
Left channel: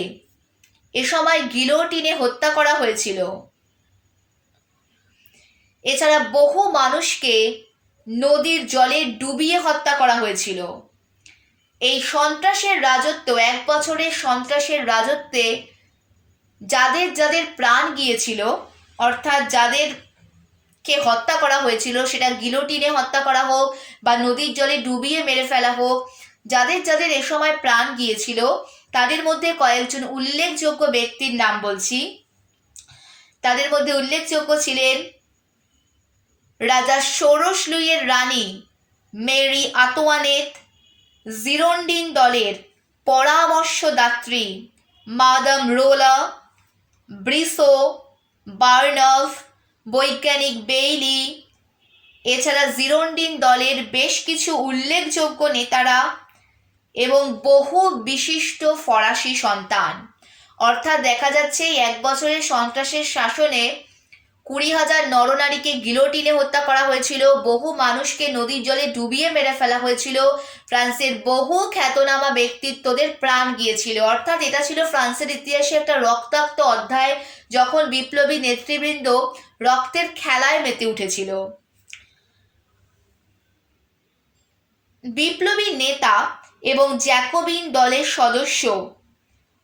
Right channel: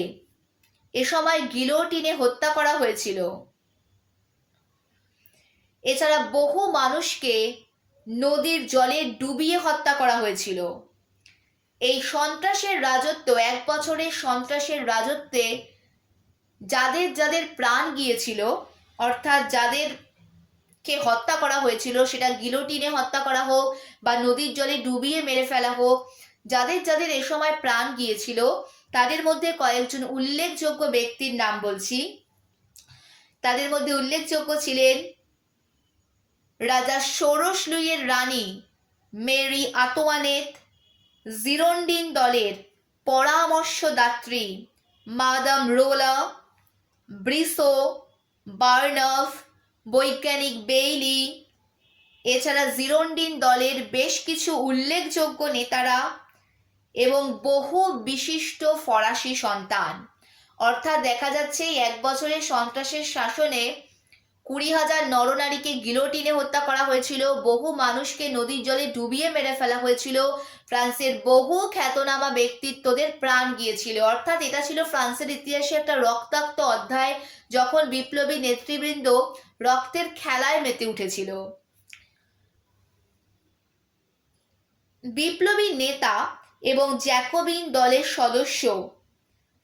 এ সময় গিলোটিনে হত্যা করা হয়েছিল। এছাড়া বহু মানুষকে নদীর জলে ডুবিয়ে হত্যা করা হয়েছিল। এই সন্ত্রাসের রাজত্ব, 1 বছরের সন্ত্রাসের রাজত্বে যাদের যাদের প্রাণ গিয়েছিল, অর্থাৎ যাদেরকে হত্যা করা হয়েছিল, সেটা গিলোটিনে হত্যা করা হোক বা নদীর জলে ডুবিয়ে মেরে ফেলা হোক, যাদের যাদের এ সময় প্রাণ গিয়েছিল তাদের মধ্যে কয়েকজন উল্লেখযোগ্য ব্যক্তির নাম বলছি। তাদের মধ্যে উল্লেখযোগ্য ছিলেন রাজা ষোড়শ লুইয়ের রানী মেরি আতোয়ানেত, জিরোন্ডিন দলের পরামর্শদাত্রী মাদাম রোলা, ব্রিসো, বার্নভ, বৈজ্ঞানিক বেইলি। এছাড়া জিরোন্ডিন দলের বেশ কিছু উল্লেখযোগ্য নেতারা এবং বহু বিশিষ্ট ফরাসি সন্তান। অর্থাৎ দেখা যাচ্ছে 1 বছরের সন্ত্রাসের শাসনে 20,000 নরনারীকে গিলোটিনে হত্যা করা হয়েছিল, বহু মানুষকে নদীর জলে ডুবিয়ে মেরে ফেলা হয়েছিল, ফ্রান্সের বহু খ্যাতনামা ব্যক্তিত্বদের প্রাণ গিয়েছিল। অর্থাৎ এটা ছিল ফ্রান্সের ইতিহাসে একটা রক্তাক্ত অধ্যায়, যখন বিপ্লবী নেতৃবৃন্দ রক্তের খেলায় মেতে উঠেছিল। বিপ্লবী নেতা এবং জ্যাকোবিন দলের সদস্য,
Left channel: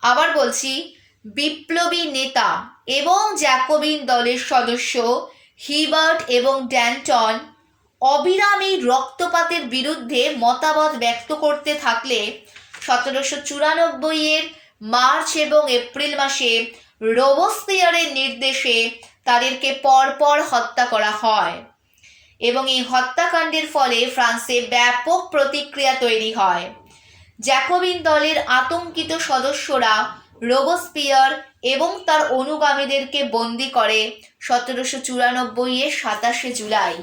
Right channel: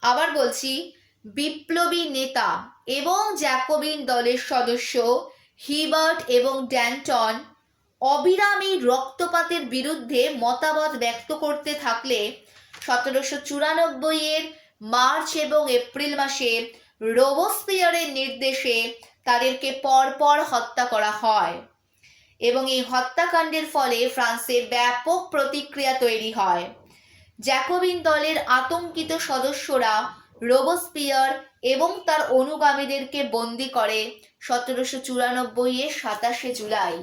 আবার বলছি, বিপ্লবী নেতা এবং জ্যাকোবিন দলের সদস্য হিবার্ট এবং ড্যান্টন অবিরামী রক্তপাতের বিরুদ্ধে মতামত ব্যক্ত করতে থাকলে 1794 মার্চ এবং এপ্রিল মাসে রোবস্পিয়ারের নির্দেশে তাদেরকে পরপর হত্যা করা হয় এবং এই হত্যাকাণ্ডের ফলে ফ্রান্সে ব্যাপক প্রতিক্রিয়া তৈরি হয়। জ্যাকোবিন দলের আতঙ্কিত সদস্যরা রোবস্পিয়ার এবং তার অনুগামীদেরকে বন্দী করে 1794 27 জুলাই।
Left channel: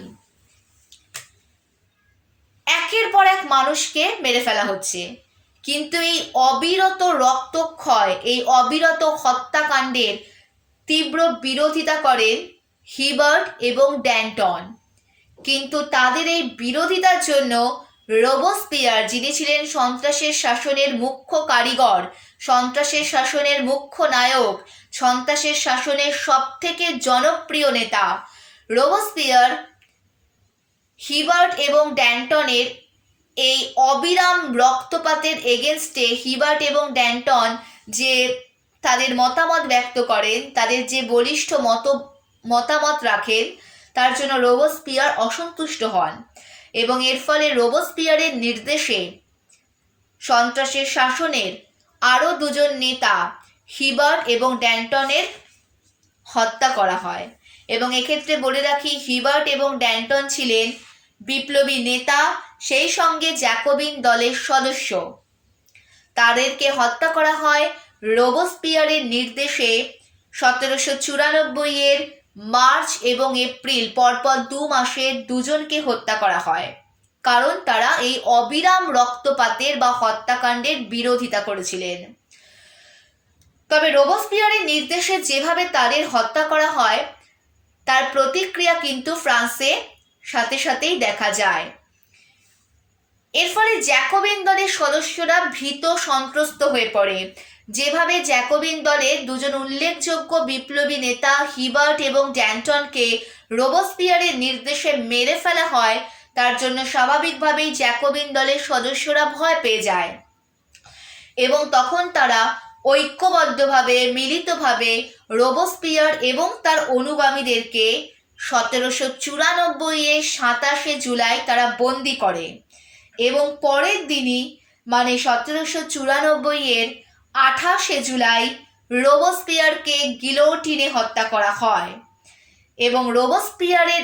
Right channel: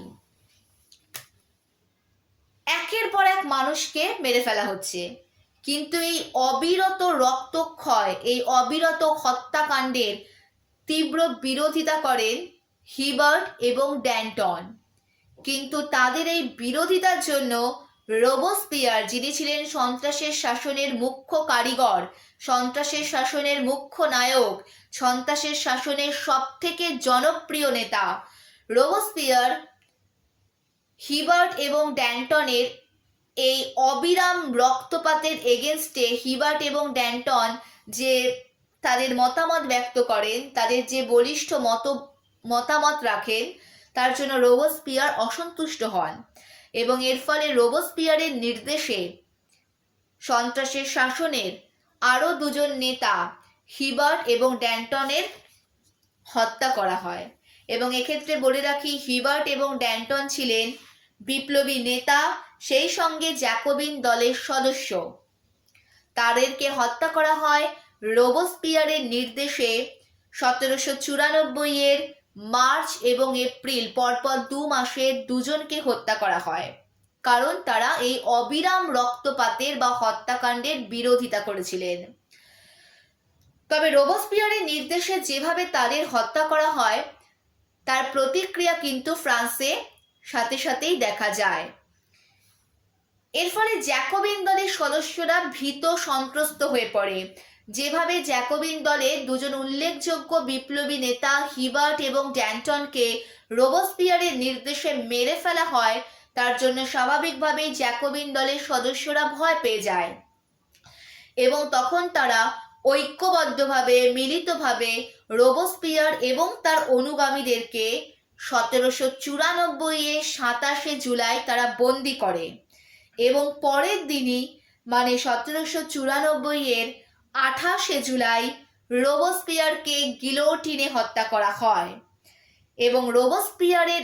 একের পর এক মানুষকে মেরে ফেলা হচ্ছে, কিন্তু এই অবিরত রক্তক্ষয়, এই অবিরত হত্যাকাণ্ডের তীব্র বিরোধিতা করেন হিবার্ট এবং ড্যান্টন। কিন্তু তাদের এই বিরোধিতার জন্য রোবস্পিয়ার, যিনি ছিলেন সন্ত্রাসের শাসনের মুখ্য কারিগর, সন্ত্রাসের শাসনের মুখ্য নায়ক, সন্ত্রাসের শাসনের সবথেকে জনপ্রিয় নেতা, রোবস্পিয়ার হিবার্ট এবং ড্যান্টনের এই অবিরাম রক্তপাতের এগেনস্টে, হিবার্ট এবং ড্যান্টন যে তাদের মতামত ব্যক্ত করেন, তাদের যে বলিষ্ঠ মতামত রাখেন, তার জন্য রোবস্পিয়ার অসন্তুষ্ট হন এবং এর ফলে রোবস্পিয়ারের নির্দেশে সন্ত্রাসের শাসনের আরও 2জন নেতা হিবার্ট এবং ড্যান্টনের হত্যা করা হয়। এবং এক্ষেত্রে বলে রাখি, হিবার্ট এবং ড্যান্টন ছিলেন বিপ্লবী নেতা, সেই সঙ্গে জ্যাকোবিন দলের সদস্য। তাদেরকে হত্যা করা হয় রোবস্পিয়ারের নির্দেশে 1794 মার্চ এবং এপ্রিল, পরপর 2 মাসে 2জনকে হত্যা করা হয়, কারণ তারা এই অবিরাম রক্তপাতের বা হত্যাকাণ্ডের বিরোধিতা করেছিলেন। তবে রোবসপিয়ারের নির্দেশে যেভাবে তাদের হত্যা করা হয় তার প্রতিক্রিয়া কিন্তু ফ্রান্সে সাথে সাথেই দেখা যায়। এর ফলে জ্যাকোবিন দলের সদস্যরা ভীত সন্ত্রস্ত হয়ে পড়ে। যেভাবে জ্যাকোবিন দলের দুজন উল্লেখযোগ্য বিপ্লবী নেতা হিবার্ট এবং ড্যান্টনকে রোবসপিয়ারের নির্দেশে মেরে ফেলা হয়, তার জন্য স্বাভাবিকভাবেই জ্যাকোবিন দলের সদস্যরা ভয় পেয়ে যায় এবং তখন তারা ঐক্যবদ্ধভাবে মিলিতভাবে রোবসপিয়ার এবং তার অনুগামীদেরকে 1794-এর 27 জুলাই তারা বন্দি করে এবং পরের দিনই মানে 1794-এর 28 জুলাই রোবসপিয়ারকে গিলোটিনে হত্যা করা হয়। এবং রোবসপিয়ারের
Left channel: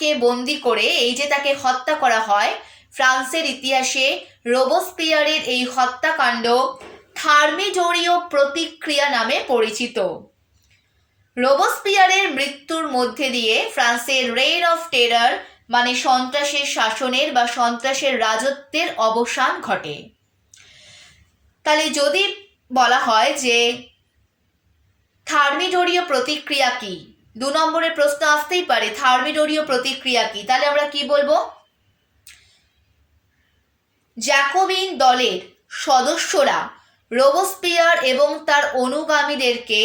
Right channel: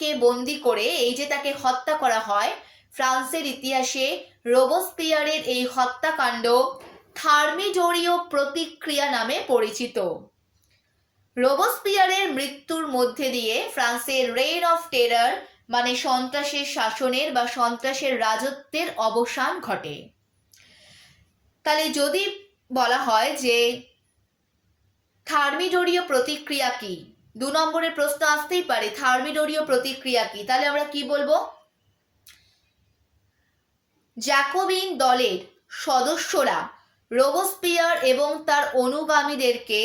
কে বন্দি করে এই যে তাকে হত্যা করা হয়, ফ্রান্সের ইতিহাসে রোবসপিয়ারের এই হত্যাকাণ্ড থার্মিডোরীয় প্রতিক্রিয়া নামে পরিচিত। রোবসপিয়ারের মৃত্যুর মধ্যে দিয়ে ফ্রান্সের রেইন অফ টেরার মানে সন্ত্রাসের শাসনের বা সন্ত্রাসের রাজত্বের অবসান ঘটে। তাহলে যদি বলা হয় যে থার্মিডোরীয় প্রতিক্রিয়া কি, 2 নম্বরের প্রশ্ন আসতেই পারে থার্মিডোরীয় প্রতিক্রিয়া কি, তাহলে আমরা কি বলবো? জ্যাকোবিন দলের সদস্যরা রোবসপিয়ার এবং তার অনুগামীদেরকে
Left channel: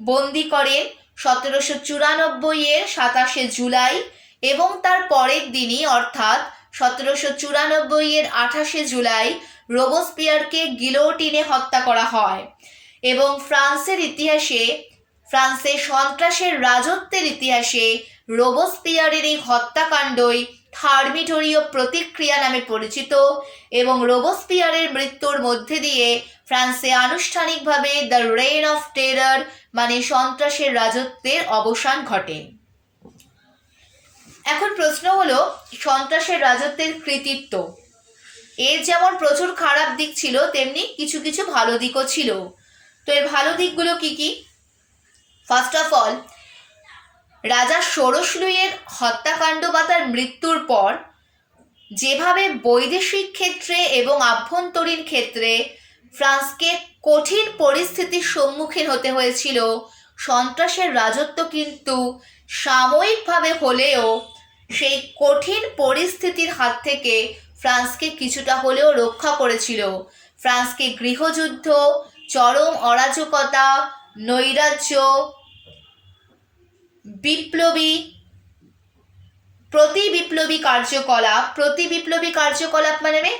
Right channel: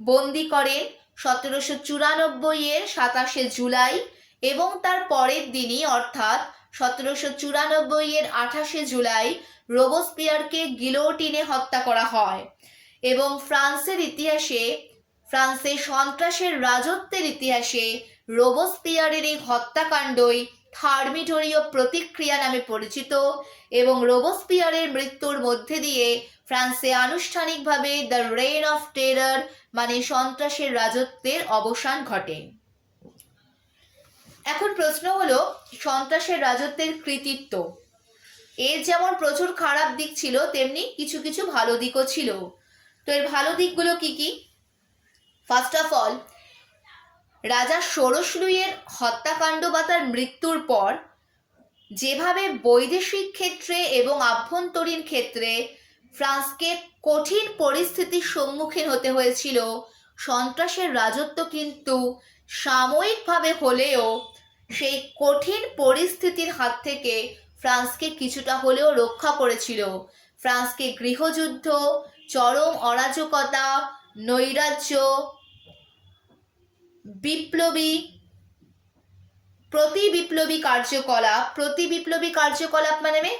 বন্দি করেন 1794-এর 27 জুলাই এবং তার পরের দিনই অর্থাৎ 1794-এর 28 জুলাই রোবসপিয়ারকে গিলোটিনে হত্যা করা হয়। এবং ফ্রান্সের ইতিহাসে, ফ্রান্সের সন্ত্রাসের রাজত্বের ইতিহাসে রোবসপিয়ারের এই হত্যাকাণ্ডই থার্মিডোরীয় প্রতিক্রিয়া নামে পরিচিত এবং রোবসপিয়ারের মৃত্যুর মধ্যে দিয়ে ফ্রান্সে আনুষ্ঠানিকভাবে দ্য রেইন অফ টেরার মানে সন্ত্রাসের রাজত্বের অবসান ঘটে। এখন প্রশ্ন হলো সন্ত্রাসের রাজত্বের কৃতিত্ব। এর যেমন প্রচুর খারাপ দিক ছিল তেমনি কিছু কিছু ভালো দিকও ছিল। তো এর ভালো দিকগুলো কি কি? ফার্স্ট অফ অল, রাজা ষোড়শ লুইয়ের হত্যাকাণ্ড বা তার মৃত্যুর পর যেভাবে বৈদেশিক ক্ষেত্রে এবং আভ্যন্তরীণ ক্ষেত্রে ফ্রান্সকে কঠিন পরিস্থিতির সম্মুখীন হতে হয়েছিল, সন্ত্রাসের রাজত্ব কিন্তু সাময়িকভাবে হলেও সেই কঠিন পরিস্থিতির হাত থেকে ফ্রান্সকে কিছুটা হলেও রক্ষা করেছিল। ফ্রান্সকে গৃহযুদ্ধ, চরম অরাজকতা, নৈরাজ্য, বিপ্লবী প্রতি বিপ্লবী কার্যকলাপ মানে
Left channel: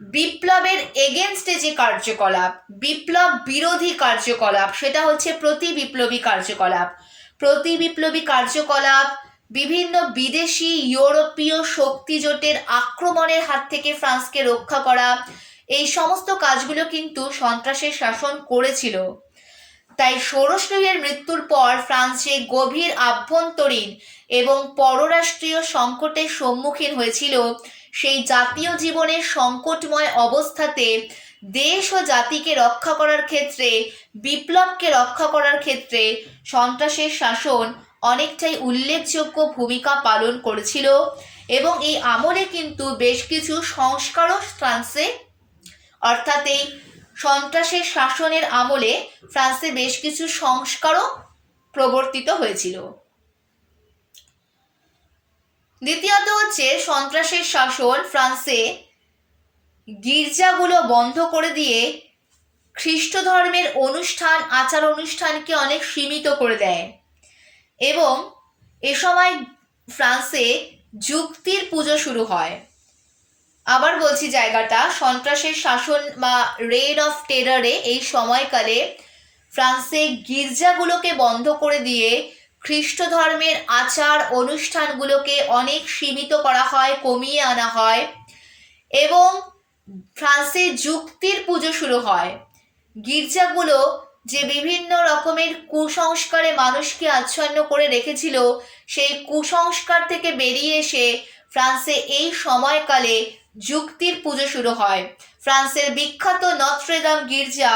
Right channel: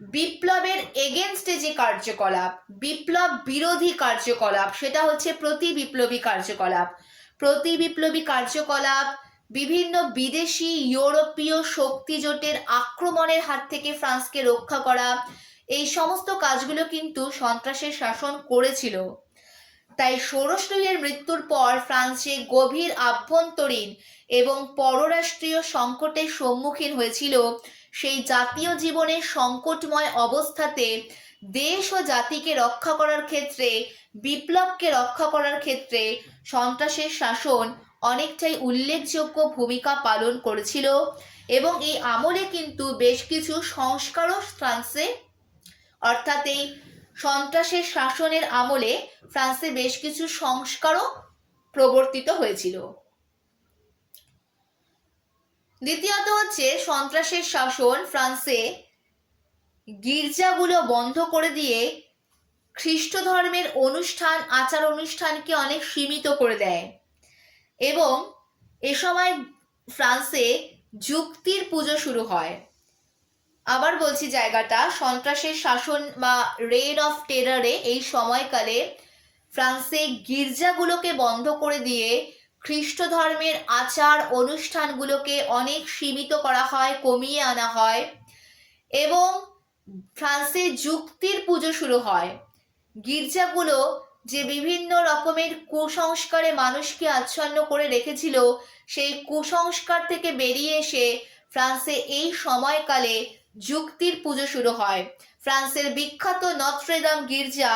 বিপ্লবের এগেনস্টে যে কার্যকলাপ, বিপ্লব বিরোধী কার্যকলাপ, সেটা হচ্ছে প্রতি বিপ্লবী কার্যকলাপ, বিভিন্ন বিদেশি ইউরোপীয় শক্তি জোটের আক্রমণের হাত থেকে ফ্রান্সকে রক্ষা করা, এই সমস্ত কাজগুলো কিন্তু সন্ত্রাসের শাসন করেছিল। তাই ষোড়শ লুইয়ের মৃত্যুর পর ফ্রান্সে গভীর আভ্যন্তরীণ এবং পররাষ্ট্রীয় সংকটের সম্মুখীন হয়েছিল। সেই জাতীয় জীবনের সংকটময় অবস্থাতে দেশ ও জাতিকে রক্ষা করার ক্ষেত্রে, বিপ্লবকে রক্ষা করার ক্ষেত্রে সন্ত্রাসের শাসন অনেকটাই উল্লেখযোগ্য ভূমিকা পালন করেছিল। এবং এই আমলে কিন্তু বেশ কিছু সংস্কারও ফ্রান্সে, অর্থাৎ এই সন্ত্রাসের শাসনের আমলে ফ্রান্সে বেশ কিছু সংস্কারও প্রবর্তিত হয়েছিল। দ্বিতীয়ত হচ্ছে সন্ত্রাসের শাসন ফ্রান্সে গির্জাগুলো বন্ধ করে দিয়ে খ্রিস্ট ধর্মের অনুষ্ঠান আচার অনুষ্ঠানকে অনেক সীমিত করে দেয় এবং এ সময় ফ্রান্সে যুক্তির পুজো শুরু হয়। আবার বলছি জায়গাটা, সন্ত্রাসের শাসন বা রেইন অফ টেরারে এই সময়কালে ফ্রান্সে গির্জাগুলোকে বন্ধ করে দিয়ে খ্রিস্ট ধর্মের আচার অনুষ্ঠানগুলোকে অনেক সীমিত করা হয়, কমিয়ে আনা হয় এবং ফ্রান্সে যুক্তির পুজো শুরু হয়। গির্জাগুলো যে বিভিন্ন রকমের কুসংস্কারে মানুষকে আচ্ছন্ন করে রেখেছিল, সেই কুসংস্কার থেকে বেরিয়ে এসে ফ্রান্সে এই সময়কালে যুক্তির পুজো শুরু হয়। ফ্রান্সের বিখ্যাত নত্রে-দাম গির্জা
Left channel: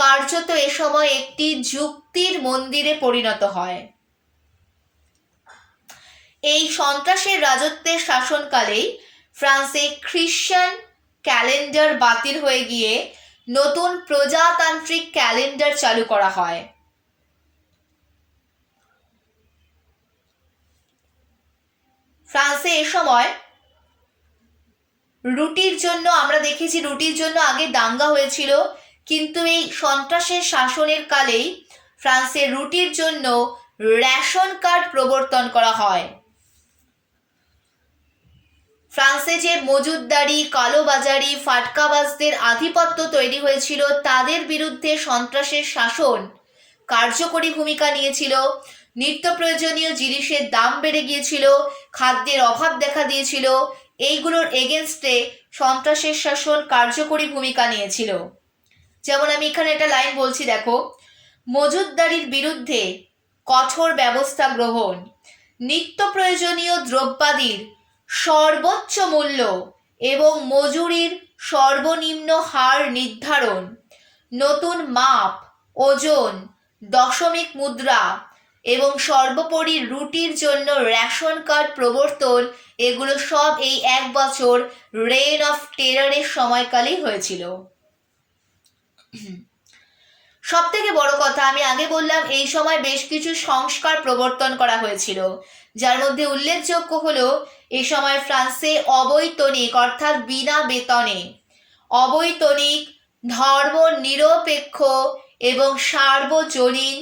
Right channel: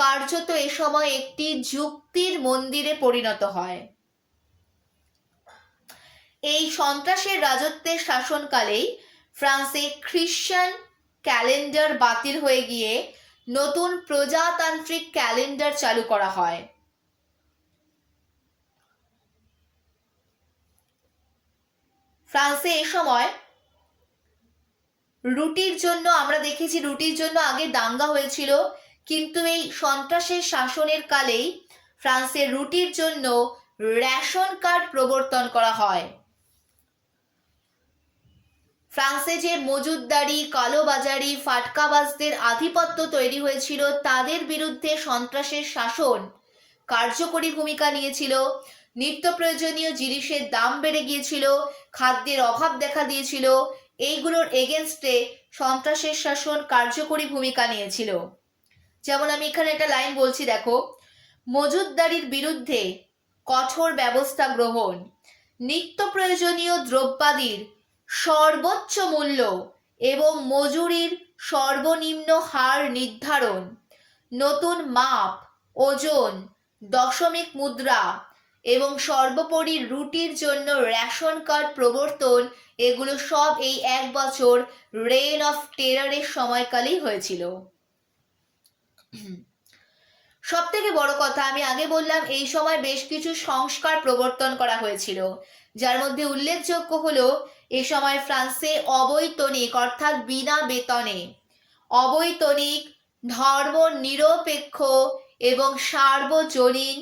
কার্যত এ সময় একটি যুক্তির মন্দিরে পরিণত হয়। এই সন্ত্রাসের রাজত্বের শাসনকালেই ফ্রান্সে খ্রিশ্চান ক্যালেন্ডার বাতিল হয়ে গিয়ে নতুন প্রজাতান্ত্রিক ক্যালেন্ডার চালু করা হয়। ফ্রান্সে এ সময় রুটির জন্য আমরা দেখেছি, রুটির জন্য আগে দাঙ্গা হয়েছিল, কিন্তু এই সন্ত্রাসের শাসনের কালেই ফ্রান্সে রুটির জন্য রেশন কার্ড প্রবর্তন করা হয়। ফ্রান্সে যে মজুতদারি, কালোবাজারি, ফাটকাবাজদের আধিপত্য তৈরি হয়েছিল, তাদের বিরুদ্ধে সন্ত্রাসের শাসন কার্যকরী ভূমিকা নিয়েছিল। নিত্য প্রয়োজনীয় জিনিসের দাম বেড়ে গিয়েছিল, খাদ্যের অভাব দেখা দিয়েছিল, এইগুলোর এগেনস্টে সন্ত্রাসের শাসন কার্যকরী ভূমিকা নিয়েছিল। যেমন আমি এখানে একটা লাইন বলছি, দেখো, মজুতদারির বিরুদ্ধে কঠোর ব্যবস্থা গ্রহণ, নিত্য প্রয়োজনীয় দ্রব্যাদির সর্বোচ্চ মূল্য এবং মজুরির সর্বনিম্ন হার নির্ধারণ, নতুন মাপ, ওজন, দশমিক মুদ্রা এবং সর্বোপরি রুটির জন্য রেশন কার্ড প্রবর্তন, এগুলো সব এই এক বছর রেইন অফ টেরারের সময়কালেই হয়েছিল। সব থেকে বড় কথা, আমি আগে বললাম এই সময় বেশ কিছু সংস্কার প্রবর্তন করা হয়েছিল, যার মধ্যে উল্লেখযোগ্য হলো এ সময় ফ্রান্সে অবৈতনিক অর্থাৎ বিনা বেতনে অবৈতনিক, ধর্ম নিরপেক্ষ এবং সার্বজনীন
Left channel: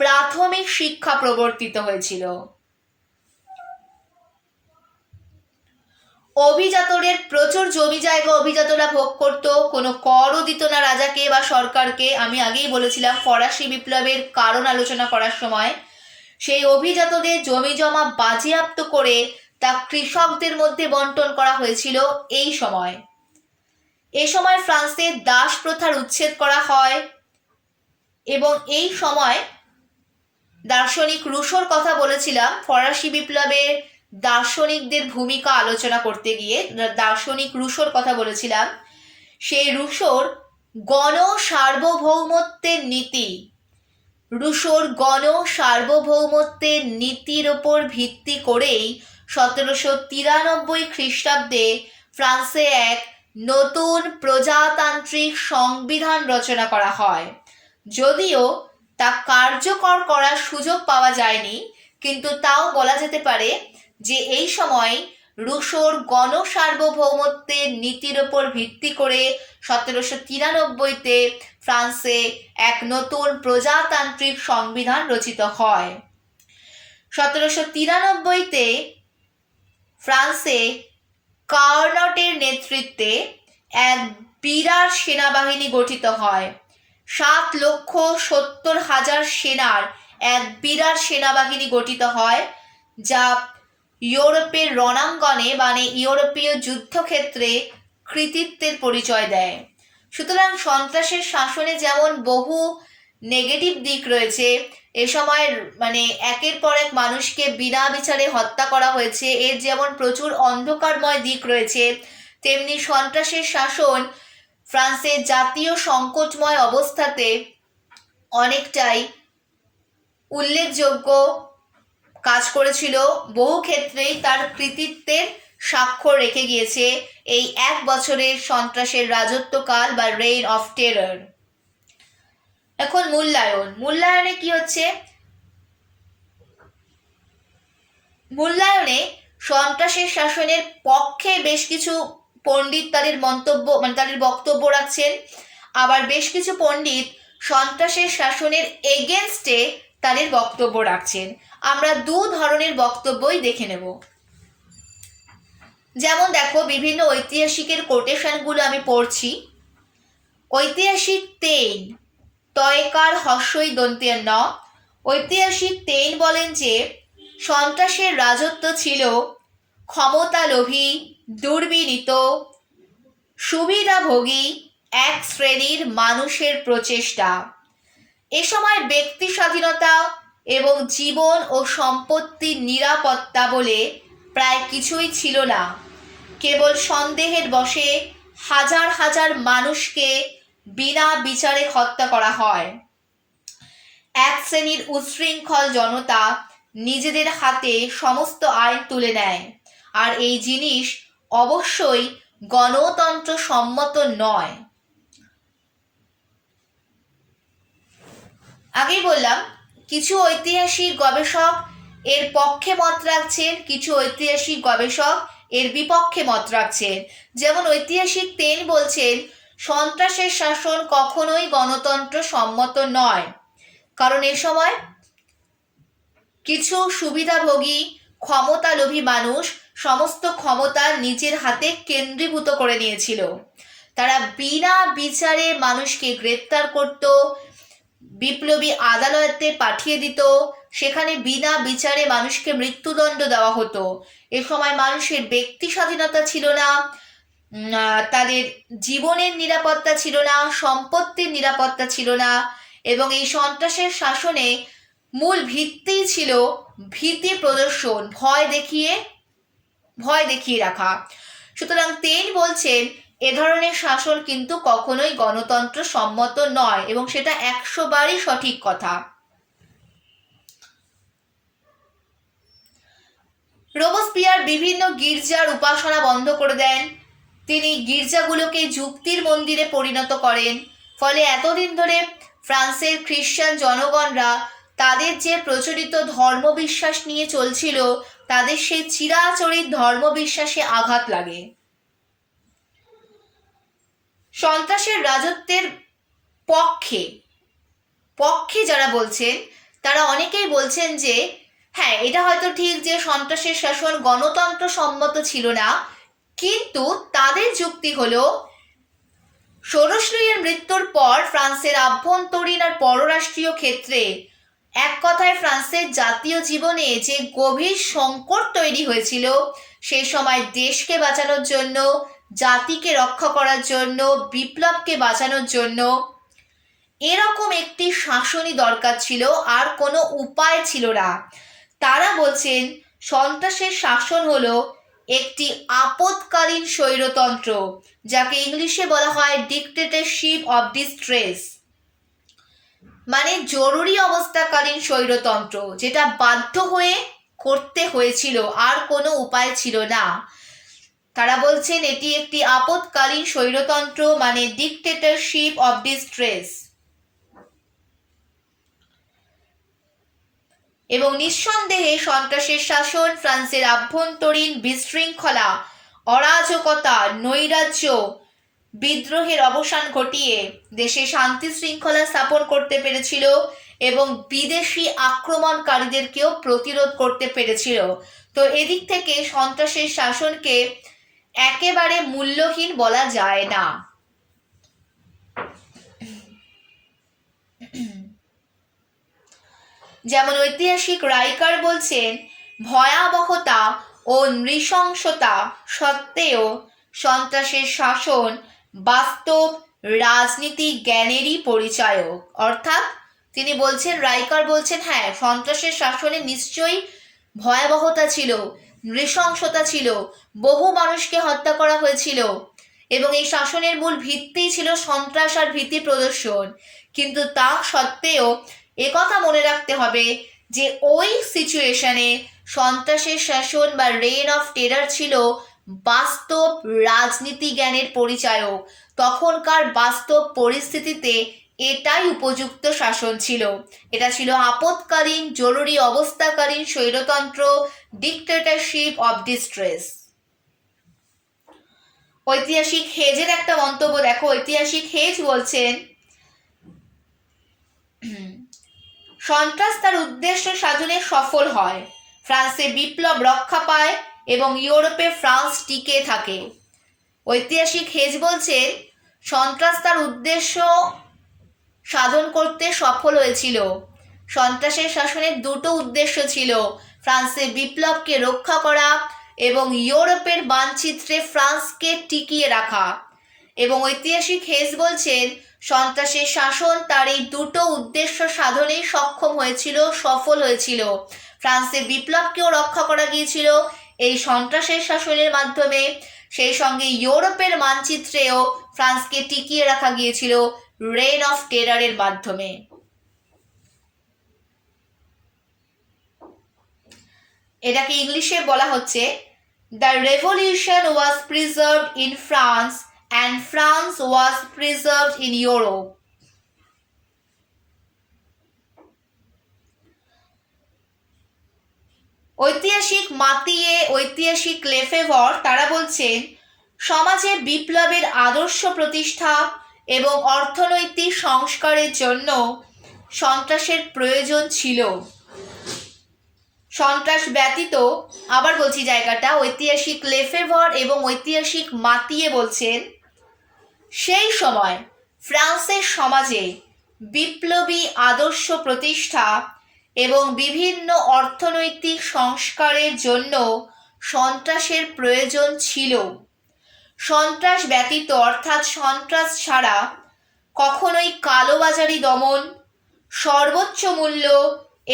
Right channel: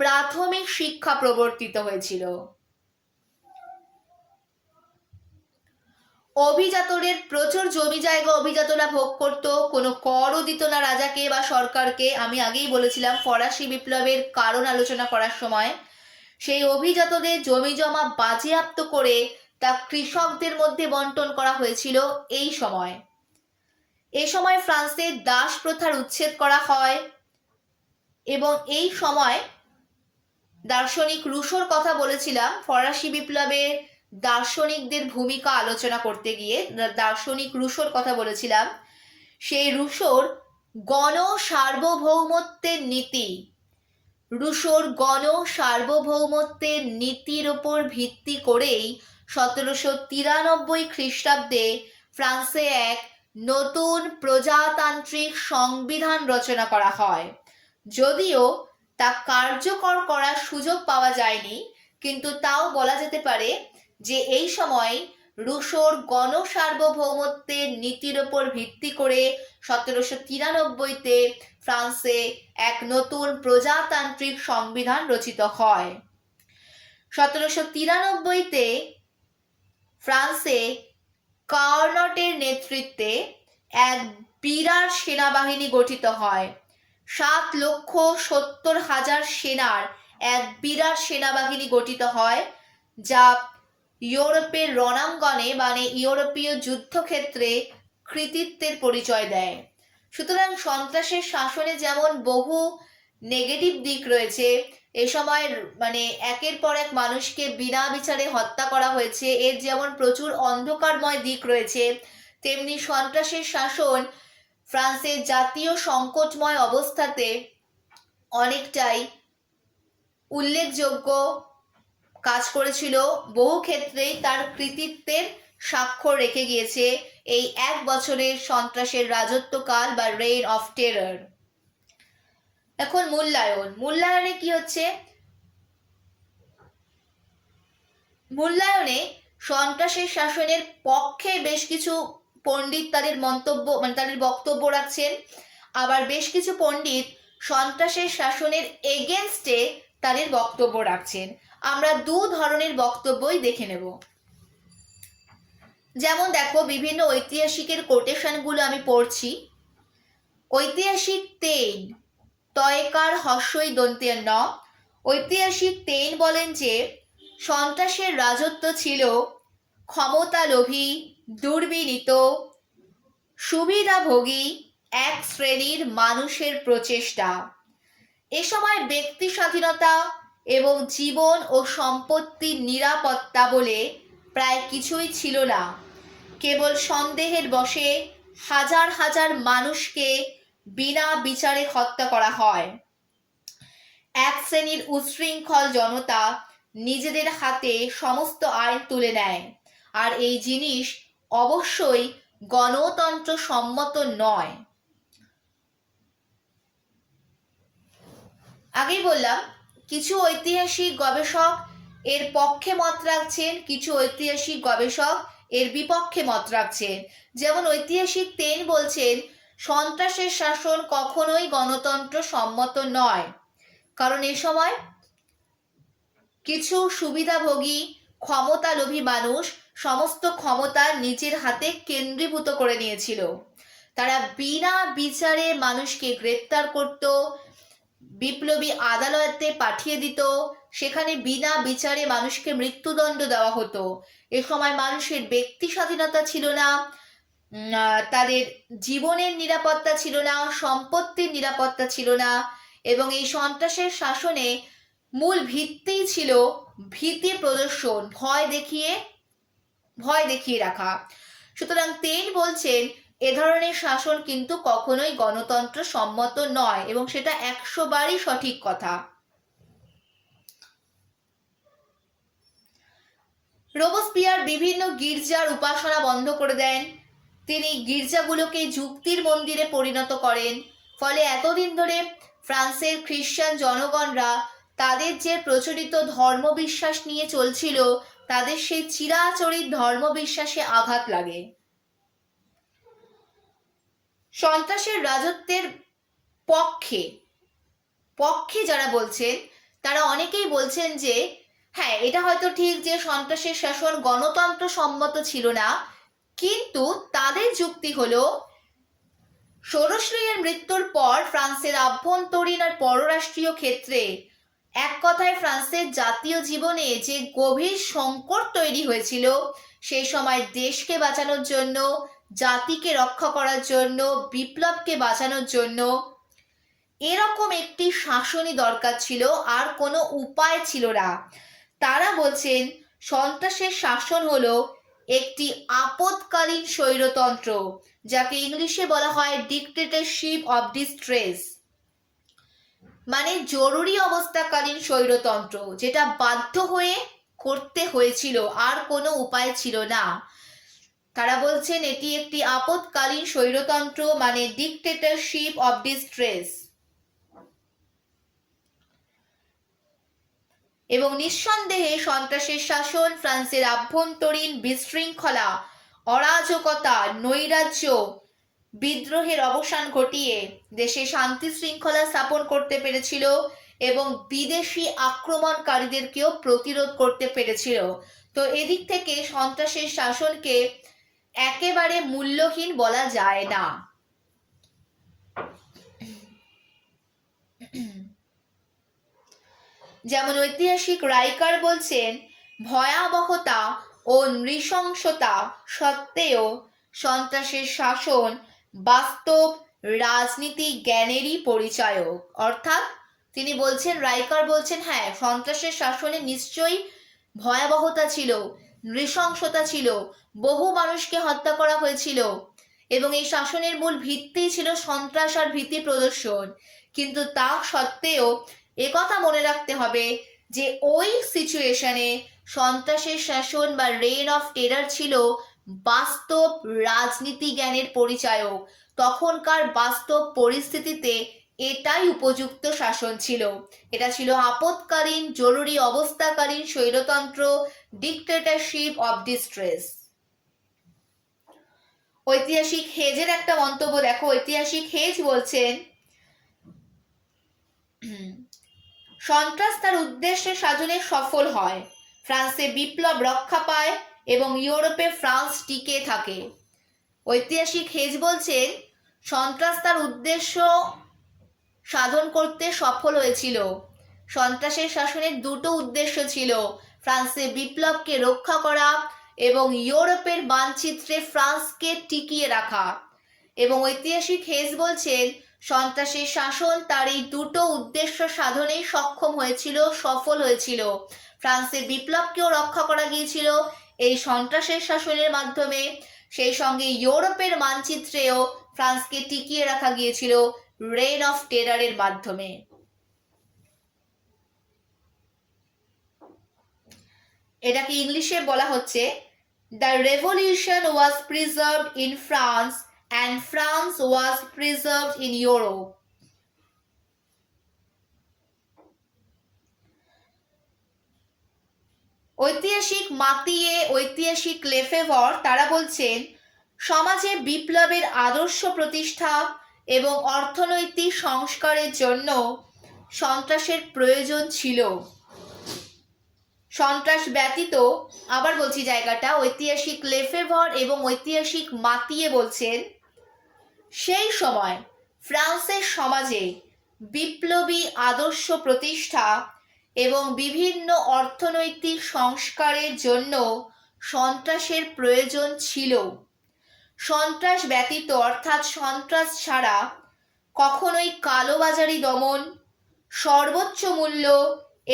প্রাথমিক শিক্ষা প্রবর্তিত হয়েছিল। অভিজাতদের প্রচুর জমি জায়গা অভিজাতরা ভোগ করত, কোনো করও দিত না রাজাকে বা সরকারকে। আমি আগেই বলেছিলাম ফরাসি বিপ্লবের কারণ আলোচনা করার সময়, সেই অভিজাতদের জমি জমা বাজেয়াপ্ত করে তা কৃষকদের মধ্যে বন্টন করা হয়েছিল এই সময়। এ সময় ফ্রান্সে দাস প্রথার উচ্ছেদ করা হয় এবং এই সময় দার্শনিক রুশোর কথা বলেছিলাম, ফরাসি বিপ্লবের দার্শনিকদের ভূমিকা আলোচনা করতে গিয়ে দার্শনিক রুশোর কথা বলেছিলাম। সেই রুশোর গণ সার্বভৌমত্বের নীতি, রুশোর গণ সার্বভৌমত্বের নীতির ওপর ভিত্তি করেই 1793 খ্রিস্টাব্দে ফ্রান্সে এক নতুন প্রজাতান্ত্রিক সংবিধান রচনা করা হয়। যদিও তা কার্যকর করার সুযোগ পাওয়া যায়নি, কিন্তু তাও বলা যেতে পারে যে এই সময় রুশোর গণ সার্বভৌমত্বের নীতির ওপর ভিত্তি করে 1793-তে ফ্রান্সে এক নতুন প্রজাতান্ত্রিক সংবিধান রচিত হয়। 1793-তে ফ্রান্সে কার্নটের নেতৃত্বে এক বিরাট সেনাবাহিনী গঠিত হয়। 7,70,000 সেনার এক বিরাট সেনাবাহিনী গঠিত হয়, যা ইউরোপের রণাঙ্গনে মানে ইউরোপীয় যুদ্ধক্ষেত্রে কৃতিত্বের পরিচয় দেয়। সুতরাং সন্ত্রাসের শাসনে যেমন বহু নেগেটিভ দিক রয়েছে, এ সময় মানে একের পর এক মানুষকে বিনা বিচারে হত্যা করা হয়েছে, এর যেমন প্রচুর অন্ধকারময় দিক রয়েছে, তেমনি সন্ত্রাসের শাসন ফ্রান্সের জাতীয় সংকটময় অবস্থাতে অনেকটাই উল্লেখযোগ্য কাজ করেছিল। বহু ক্ষেত্রেই তার কৃতিত্বের স্বাক্ষর রেখে গিয়েছে এই এক বছরের সন্ত্রাসের রাজত্বকাল বা রেইন অফ টেরর। এখন মূল্যায়নে কি হচ্ছে? মূল্যায়নে সন্ত্রাসের শাসনের পক্ষে বেশ কিছু পণ্ডিত তাদের মন্তব্য মানে তাদের বক্তব্য রাখছেন, আবার বেশ কিছু পণ্ডিত সন্ত্রাসের শাসনের এগেনস্টে তাদের বক্তব্য রাখছেন। আমরা দু ধরনের বক্তব্যই দেখে নেব। যেমন দেখো, বিভিন্ন ঐতিহাসিকের কোটেশনগুলো আমি পড়ছি। ঐতিহাসিক তেইন, তয়কার হস্যই দন্তের ন, ঐতিহাসিক তেইন বলেন যে সন্ত্রাসের রাজত্ব ছিল ক্ষমতালোভী, দুর্বিনীত, সুবিধাভোগী এক শ্রেণীর মানুষের প্রচেষ্টা। এ সময় ব্যক্তি স্বাধীনতা এবং জীবন ও সম্পত্তির নিরাপত্তা বলে প্রায় কিছুই ছিল না। কেবল সন্দেহের বশে হাজার হাজার মানুষকে বিনা বিচারে হত্যা করা হয়। এক শ্রেণীর উচ্ছৃঙ্খল জনতা নিজেদের হাতে সমস্ত আইন তুলে নেয়, আর এই জিনিস অবশ্যই গণতন্ত্র সম্মত নয়। আগেই বললাম কিছু ঐতিহাসিক গবেষক এর পক্ষে মত রাখছেন, কিছু ঐতিহাসিক গবেষক এর বিপক্ষে মত রাখছেন। যেমন ঐতিহাসিক তেন বলছেন সন্ত্রাসের শাসন কখনোই গণতন্ত্র সম্মত নয়, কারণ এ সময় কিছু সুবিধাভোগী ক্ষমতালোভী মানুষ সমস্ত ক্ষমতা নিজের হাতে কেন্দ্রীভূত করে নিয়েছিল। তারা বিনা বিচারে মানুষকে গ্রেপ্তার করত, বিপ্লবী আদালতে পাঠিয়ে দিত, সেখানে বিনা বিচারে মানুষকে মৃত্যুদণ্ড দেওয়া হতো। এ সময় মানুষের ব্যক্তি স্বাধীনতা ছিল না, তাদের জীবনের নিরাপত্তা ছিল না, সম্পত্তির নিরাপত্তা ছিল না, এবং এই সন্ত্রাসের শাসনে মূল ভিত্তি ছিল ভীতি প্রদর্শন, ভয় দেখিয়ে রাখা। সুতরাং তেন বলছেন এ ধরনের শাসন কিন্তু কখনোই গণতন্ত্র সম্মত নয়, এবং সেটা 100 বারই সঠিক কথা। রোবসপিয়ার বিভিন্ন গির্জার উপাসনা বন্ধ করে দেন। তিনি গির্জাগুলোকে যুক্তির মন্দিরে পরিণত করেন। ফলে এতদিন ধরে ফ্রান্সের খ্রিস্টান জনগণরা তাদের যে প্রচলিত ধর্মবিশ্বাস নিয়ে চলছিল, তাদের সেই চিরাচরিত ধর্মবিশ্বাসে আঘাত লাগে। সন্ত্রাসের রাজত্বের পক্ষে যারা বলছেন তারা অনেকেই বলছেন যে হ্যাঁ, এটা হয়তো ঠিক যে সন্ত্রাসের শাসন গণতন্ত্র সম্মত ছিল না, কিন্তু তাদের যুক্তি হলো ষোড়শ লুইয়ের মৃত্যুর পর ফ্রান্সের আভ্যন্তরীণ আর পররাষ্ট্রীয় ক্ষেত্রে এক কথায় ফ্রান্সের জাতীয় জীবনে যে গভীর সংকট তৈরি হয়েছিল, সেই সময় দেশকে বাঁচানোর জন্য, জাতিকে রক্ষা করার জন্য, বিপ্লবকে বাঁচানোর জন্য এরকম একটি শাসনই দরকার ছিল, আর কোনো উপায় ছিল না। তারা বলছেন সন্ত্রাসের শাসন হলো একটি আপৎকালীন স্বৈরতন্ত্র, যাকে ইংলিশে বলা হয় ডিক্টেটরশিপ অফ ডিস্ট্রেস, মানে জরুরি অবস্থাকালীন স্বৈরতন্ত্র, যেটা বাধ্য হয়ে করতে হয়েছিল, আর কোনো উপায় ছিল না। তারা বলছেন এটি একটি আপৎকালীন স্বৈরতন্ত্র, মানে ডিক্টেটরশিপ অফ ডিস্ট্রেস। এবং নিঃসন্দেহে সন্ত্রাসের শাসন ফ্রান্সের আভ্যন্তরীণ বিশৃঙ্খলা, অরাজকতা, নৈরাজ্য, বিদ্রোহের অবসান ঘটিয়ে দেশে শান্তি শৃঙ্খলা স্থাপন করতে পেরেছিল এবং বিদেশি আক্রমণকারীদেরকেও প্রতিরোধ করতে পেরেছিল। তো এদিক থেকে সন্ত্রাসের শাসনকে একেবারে মূল্যহীন বলা যায় না। যেমন ঐতিহাসিক রাইকার বলছেন ভয়াবহতা ও নৃশংসতা সত্ত্বেও সন্ত্রাসের শাসন বাস্তব রাজনীতি জ্ঞানেরই পরিচায়ক। অর্থাৎ তিনি বলছেন, রাইকার বলছেন হ্যাঁ, সন্ত্রাসের শাসনে নিশ্চয়ই ভয়াবহতা ছিল, নৃশংসতা ছিল, বহু মানুষকে হত্যা করা হয়েছিল, এবং এই শাসনের মূল ভিত্তি ছিল সন্ত্রাস আর ভীতি প্রদর্শন। কিন্তু তা সত্ত্বেও একথা মনে রাখতে হবে যে ওই সিচুয়েশনে সন্ত্রাসের শাসন বা রেইন অফ টেরার ছিল বাস্তব রাজনীতি জ্ঞানের পরিচায়ক। তখনকার বাস্তব পরিস্থিতিতে এটাই উপযুক্ত শাসন ছিল। এটা ছিল আপৎকালীন জরুরি অবস্থাকালীন স্বৈরতন্ত্র, ডিক্টেটরশিপ অফ ডিস্ট্রেস। ঐতিহাসিক হেজের একটা মন্তব্য দেখো। ঐতিহাসিক হেজ বলছেন সন্ত্রাস তার উদ্দেশ্য সাধনে সফল হয়, ফ্রান্সে বিপ্লব রক্ষা পায় এবং ইউরোপে ফ্রান্স টিকে থাকে। ঐতিহাসিক হেজ বলছেন সন্ত্রাস তার উদ্দেশ্য সাধন করতে সফল হয়েছিল। সন্ত্রাসের শাসনের দুটো উদ্দেশ্য ছিল, ফ্রান্সে বিপ্লবকে রক্ষা করা এবং ইউরোপের মানচিত্রে ফ্রান্সকে টিকিয়ে রাখা। এবং ঐতিহাসিক হেজ বলছেন সন্ত্রাসের শাসন তার এই দুটো উদ্দেশ্য সাধনে সক্ষম হয়েছিল, সফল হয়েছিল। ফ্রান্সে বিপ্লবকেও রক্ষা করা গিয়েছিল এই সন্ত্রাসের শাসনের মাধ্যমে, সেই সঙ্গে ইউরোপের মানচিত্রেও ফ্রান্সকে টিকিয়ে রাখা গিয়েছিল রেইন অফ টেরারের মাধ্যমে। এটাকে ইংলিশে বলা হচ্ছে the revolution was preserved in France and France was preserved in Europe. ঐতিহাসিক মাতিয়ে, ঐতিহাসিক লেফেভর তারা বলছেন সমাজে বিপ্লবের আদর্শ প্রতিষ্ঠা এবং অর্থনৈতিক সংস্কারের জন্য সন্ত্রাসের প্রয়োজন ছিল। সন্ত্রাস ব্যতীত, আবার বলছি জায়গাটা, ঐতিহাসিক লেফেভর এবং ঐতিহাসিক মাতিয়ে বলছেন সেই সময় ফ্রান্সের সমাজে বিপ্লবী আদর্শ প্রতিষ্ঠা এবং বিভিন্ন অর্থনৈতিক সংস্কারের জন্য সন্ত্রাসের প্রয়োজন ছিল। সন্ত্রাস ব্যতীত অর্থাৎ সন্ত্রাস ছাড়া কখনোই কালোবাজারি দমন, সর্বোচ্চ মূল্য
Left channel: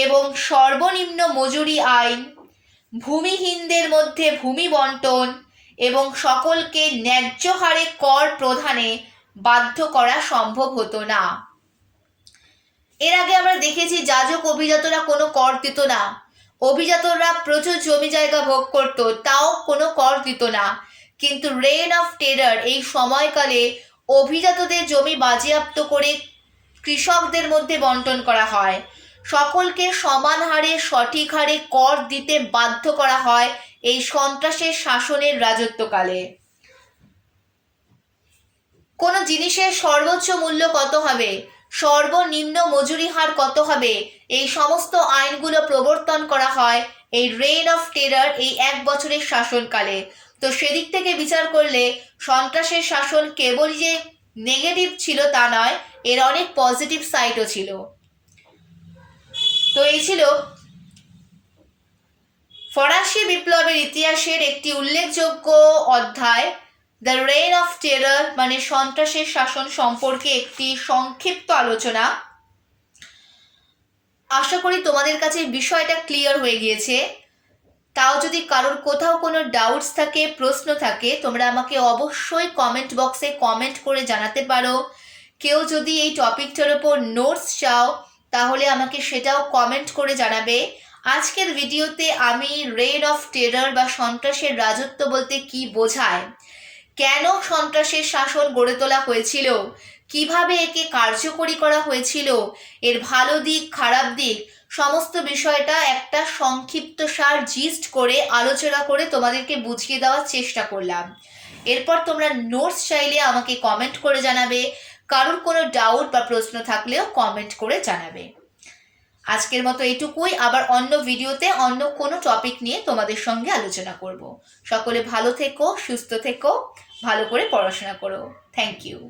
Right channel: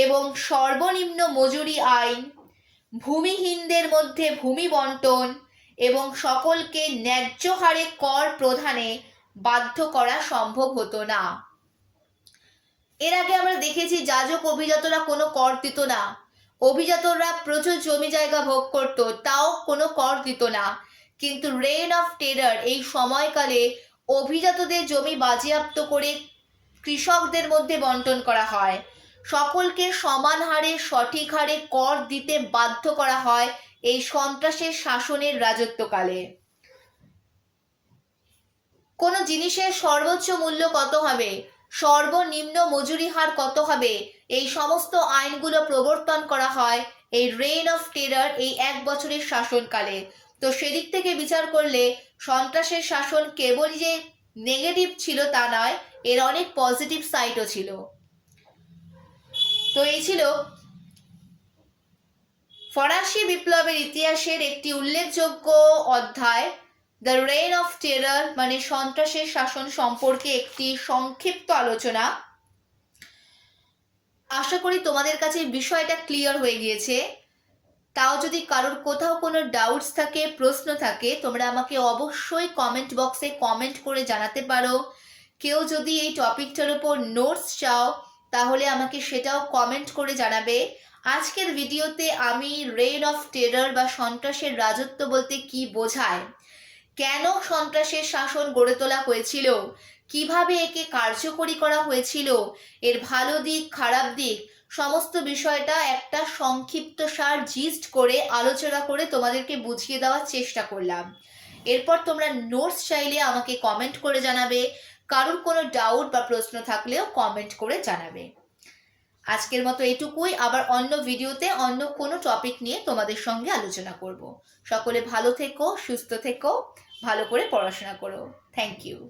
এবং সর্বনিম্ন মজুরি আইন, ভূমিহীনদের মধ্যে ভূমি বন্টন এবং সকলকে ন্যায্য হারে কর প্রদানে বাধ্য করা সম্ভব হতো না। এর আগে আমরা দেখেছি যাজক অভিজাতরা কোনো কর দিত না, অভিজাতরা প্রচুর জমি জায়গা ভোগ করত, তাও কোনো কর দিত না। কিন্তু রেইন অফ টেরার এই সময়কালে অভিজাতদের জমি বাজেয়াপ্ত করে কৃষকদের মধ্যে বন্টন করা হয়, সকলকে সমান হারে সঠিক হারে কর দিতে বাধ্য করা হয় এই সন্ত্রাসের শাসনের রাজত্বকালে। কোনো জিনিসের সর্বোচ্চ মূল্য কত হবে, সর্বনিম্ন মজুরি হার কত হবে, এই সমস্ত আইনগুলো প্রবর্তন করা হয় এই রেইন অফ টেরার এই 1 বছরের শাসনকালে। তো সেদিক থেকে বিচার করলে সন্ত্রাসের শাসন কেবলই যে নেগেটিভ ছিল তা নয়, এর অনেক পজিটিভ সাইডও ছিল। তো এই ছিল ফরাসি বিপ্লবের ইতিহাসের একটি উল্লেখযোগ্য অধ্যায়, দ্য রেইন অফ টেরার মানে সন্ত্রাসের শাসন সম্পর্কে একটি সংক্ষিপ্ত আলোচনা। আশা করি তোমাদের কাছে বিষয়টা ক্লিয়ার হয়ে গিয়েছে। তাও যদি কারোর কোথাও কোনো ডাউটস থাকে, প্রশ্ন থাকে, তোমরা আমাকে অবশ্যই কমেন্ট বক্সে কমেন্ট করে জানাতে পারো। কেউ যদি এই টপিকটার উপর নোটস চাও তাহলে আমাকে সেটাও কমেন্ট করে জানাবে। আজকের ভিডিওতে আমি রেইন অফ টেরার বা সন্ত্রাসের রাজত্ব বলতে কি বোঝায়, কেন সন্ত্রাসের শাসন গড়ে তোলা হয়েছিল, কিভাবে একে কার্যকরী করা হয়েছিল, এর ভালো দিক খারাপ দিক সমস্ত বিষয়টা একটা সংক্ষিপ্ত সার জিস্ট করে আলোচনা করে তোমাদেরকে বুঝিয়ে দেওয়ার চেষ্টা করলাম। এরপর তোমরা নোটস চাইলে আমাকে কমেন্ট করে জানাবে, কারোর কোনো ডাউট বা প্রশ্ন থাকলেও কমেন্ট করে জানাবে। আজকের মতো এটুকুই, আবার অন্য ভিডিওতে অন্য কোনো টপিক নিয়ে তোমাদের সঙ্গে আলোচনা করব। সকলে ভালো থেকো, সুস্থ থেকো, ভালো করে পড়াশোনা করো। Thank you.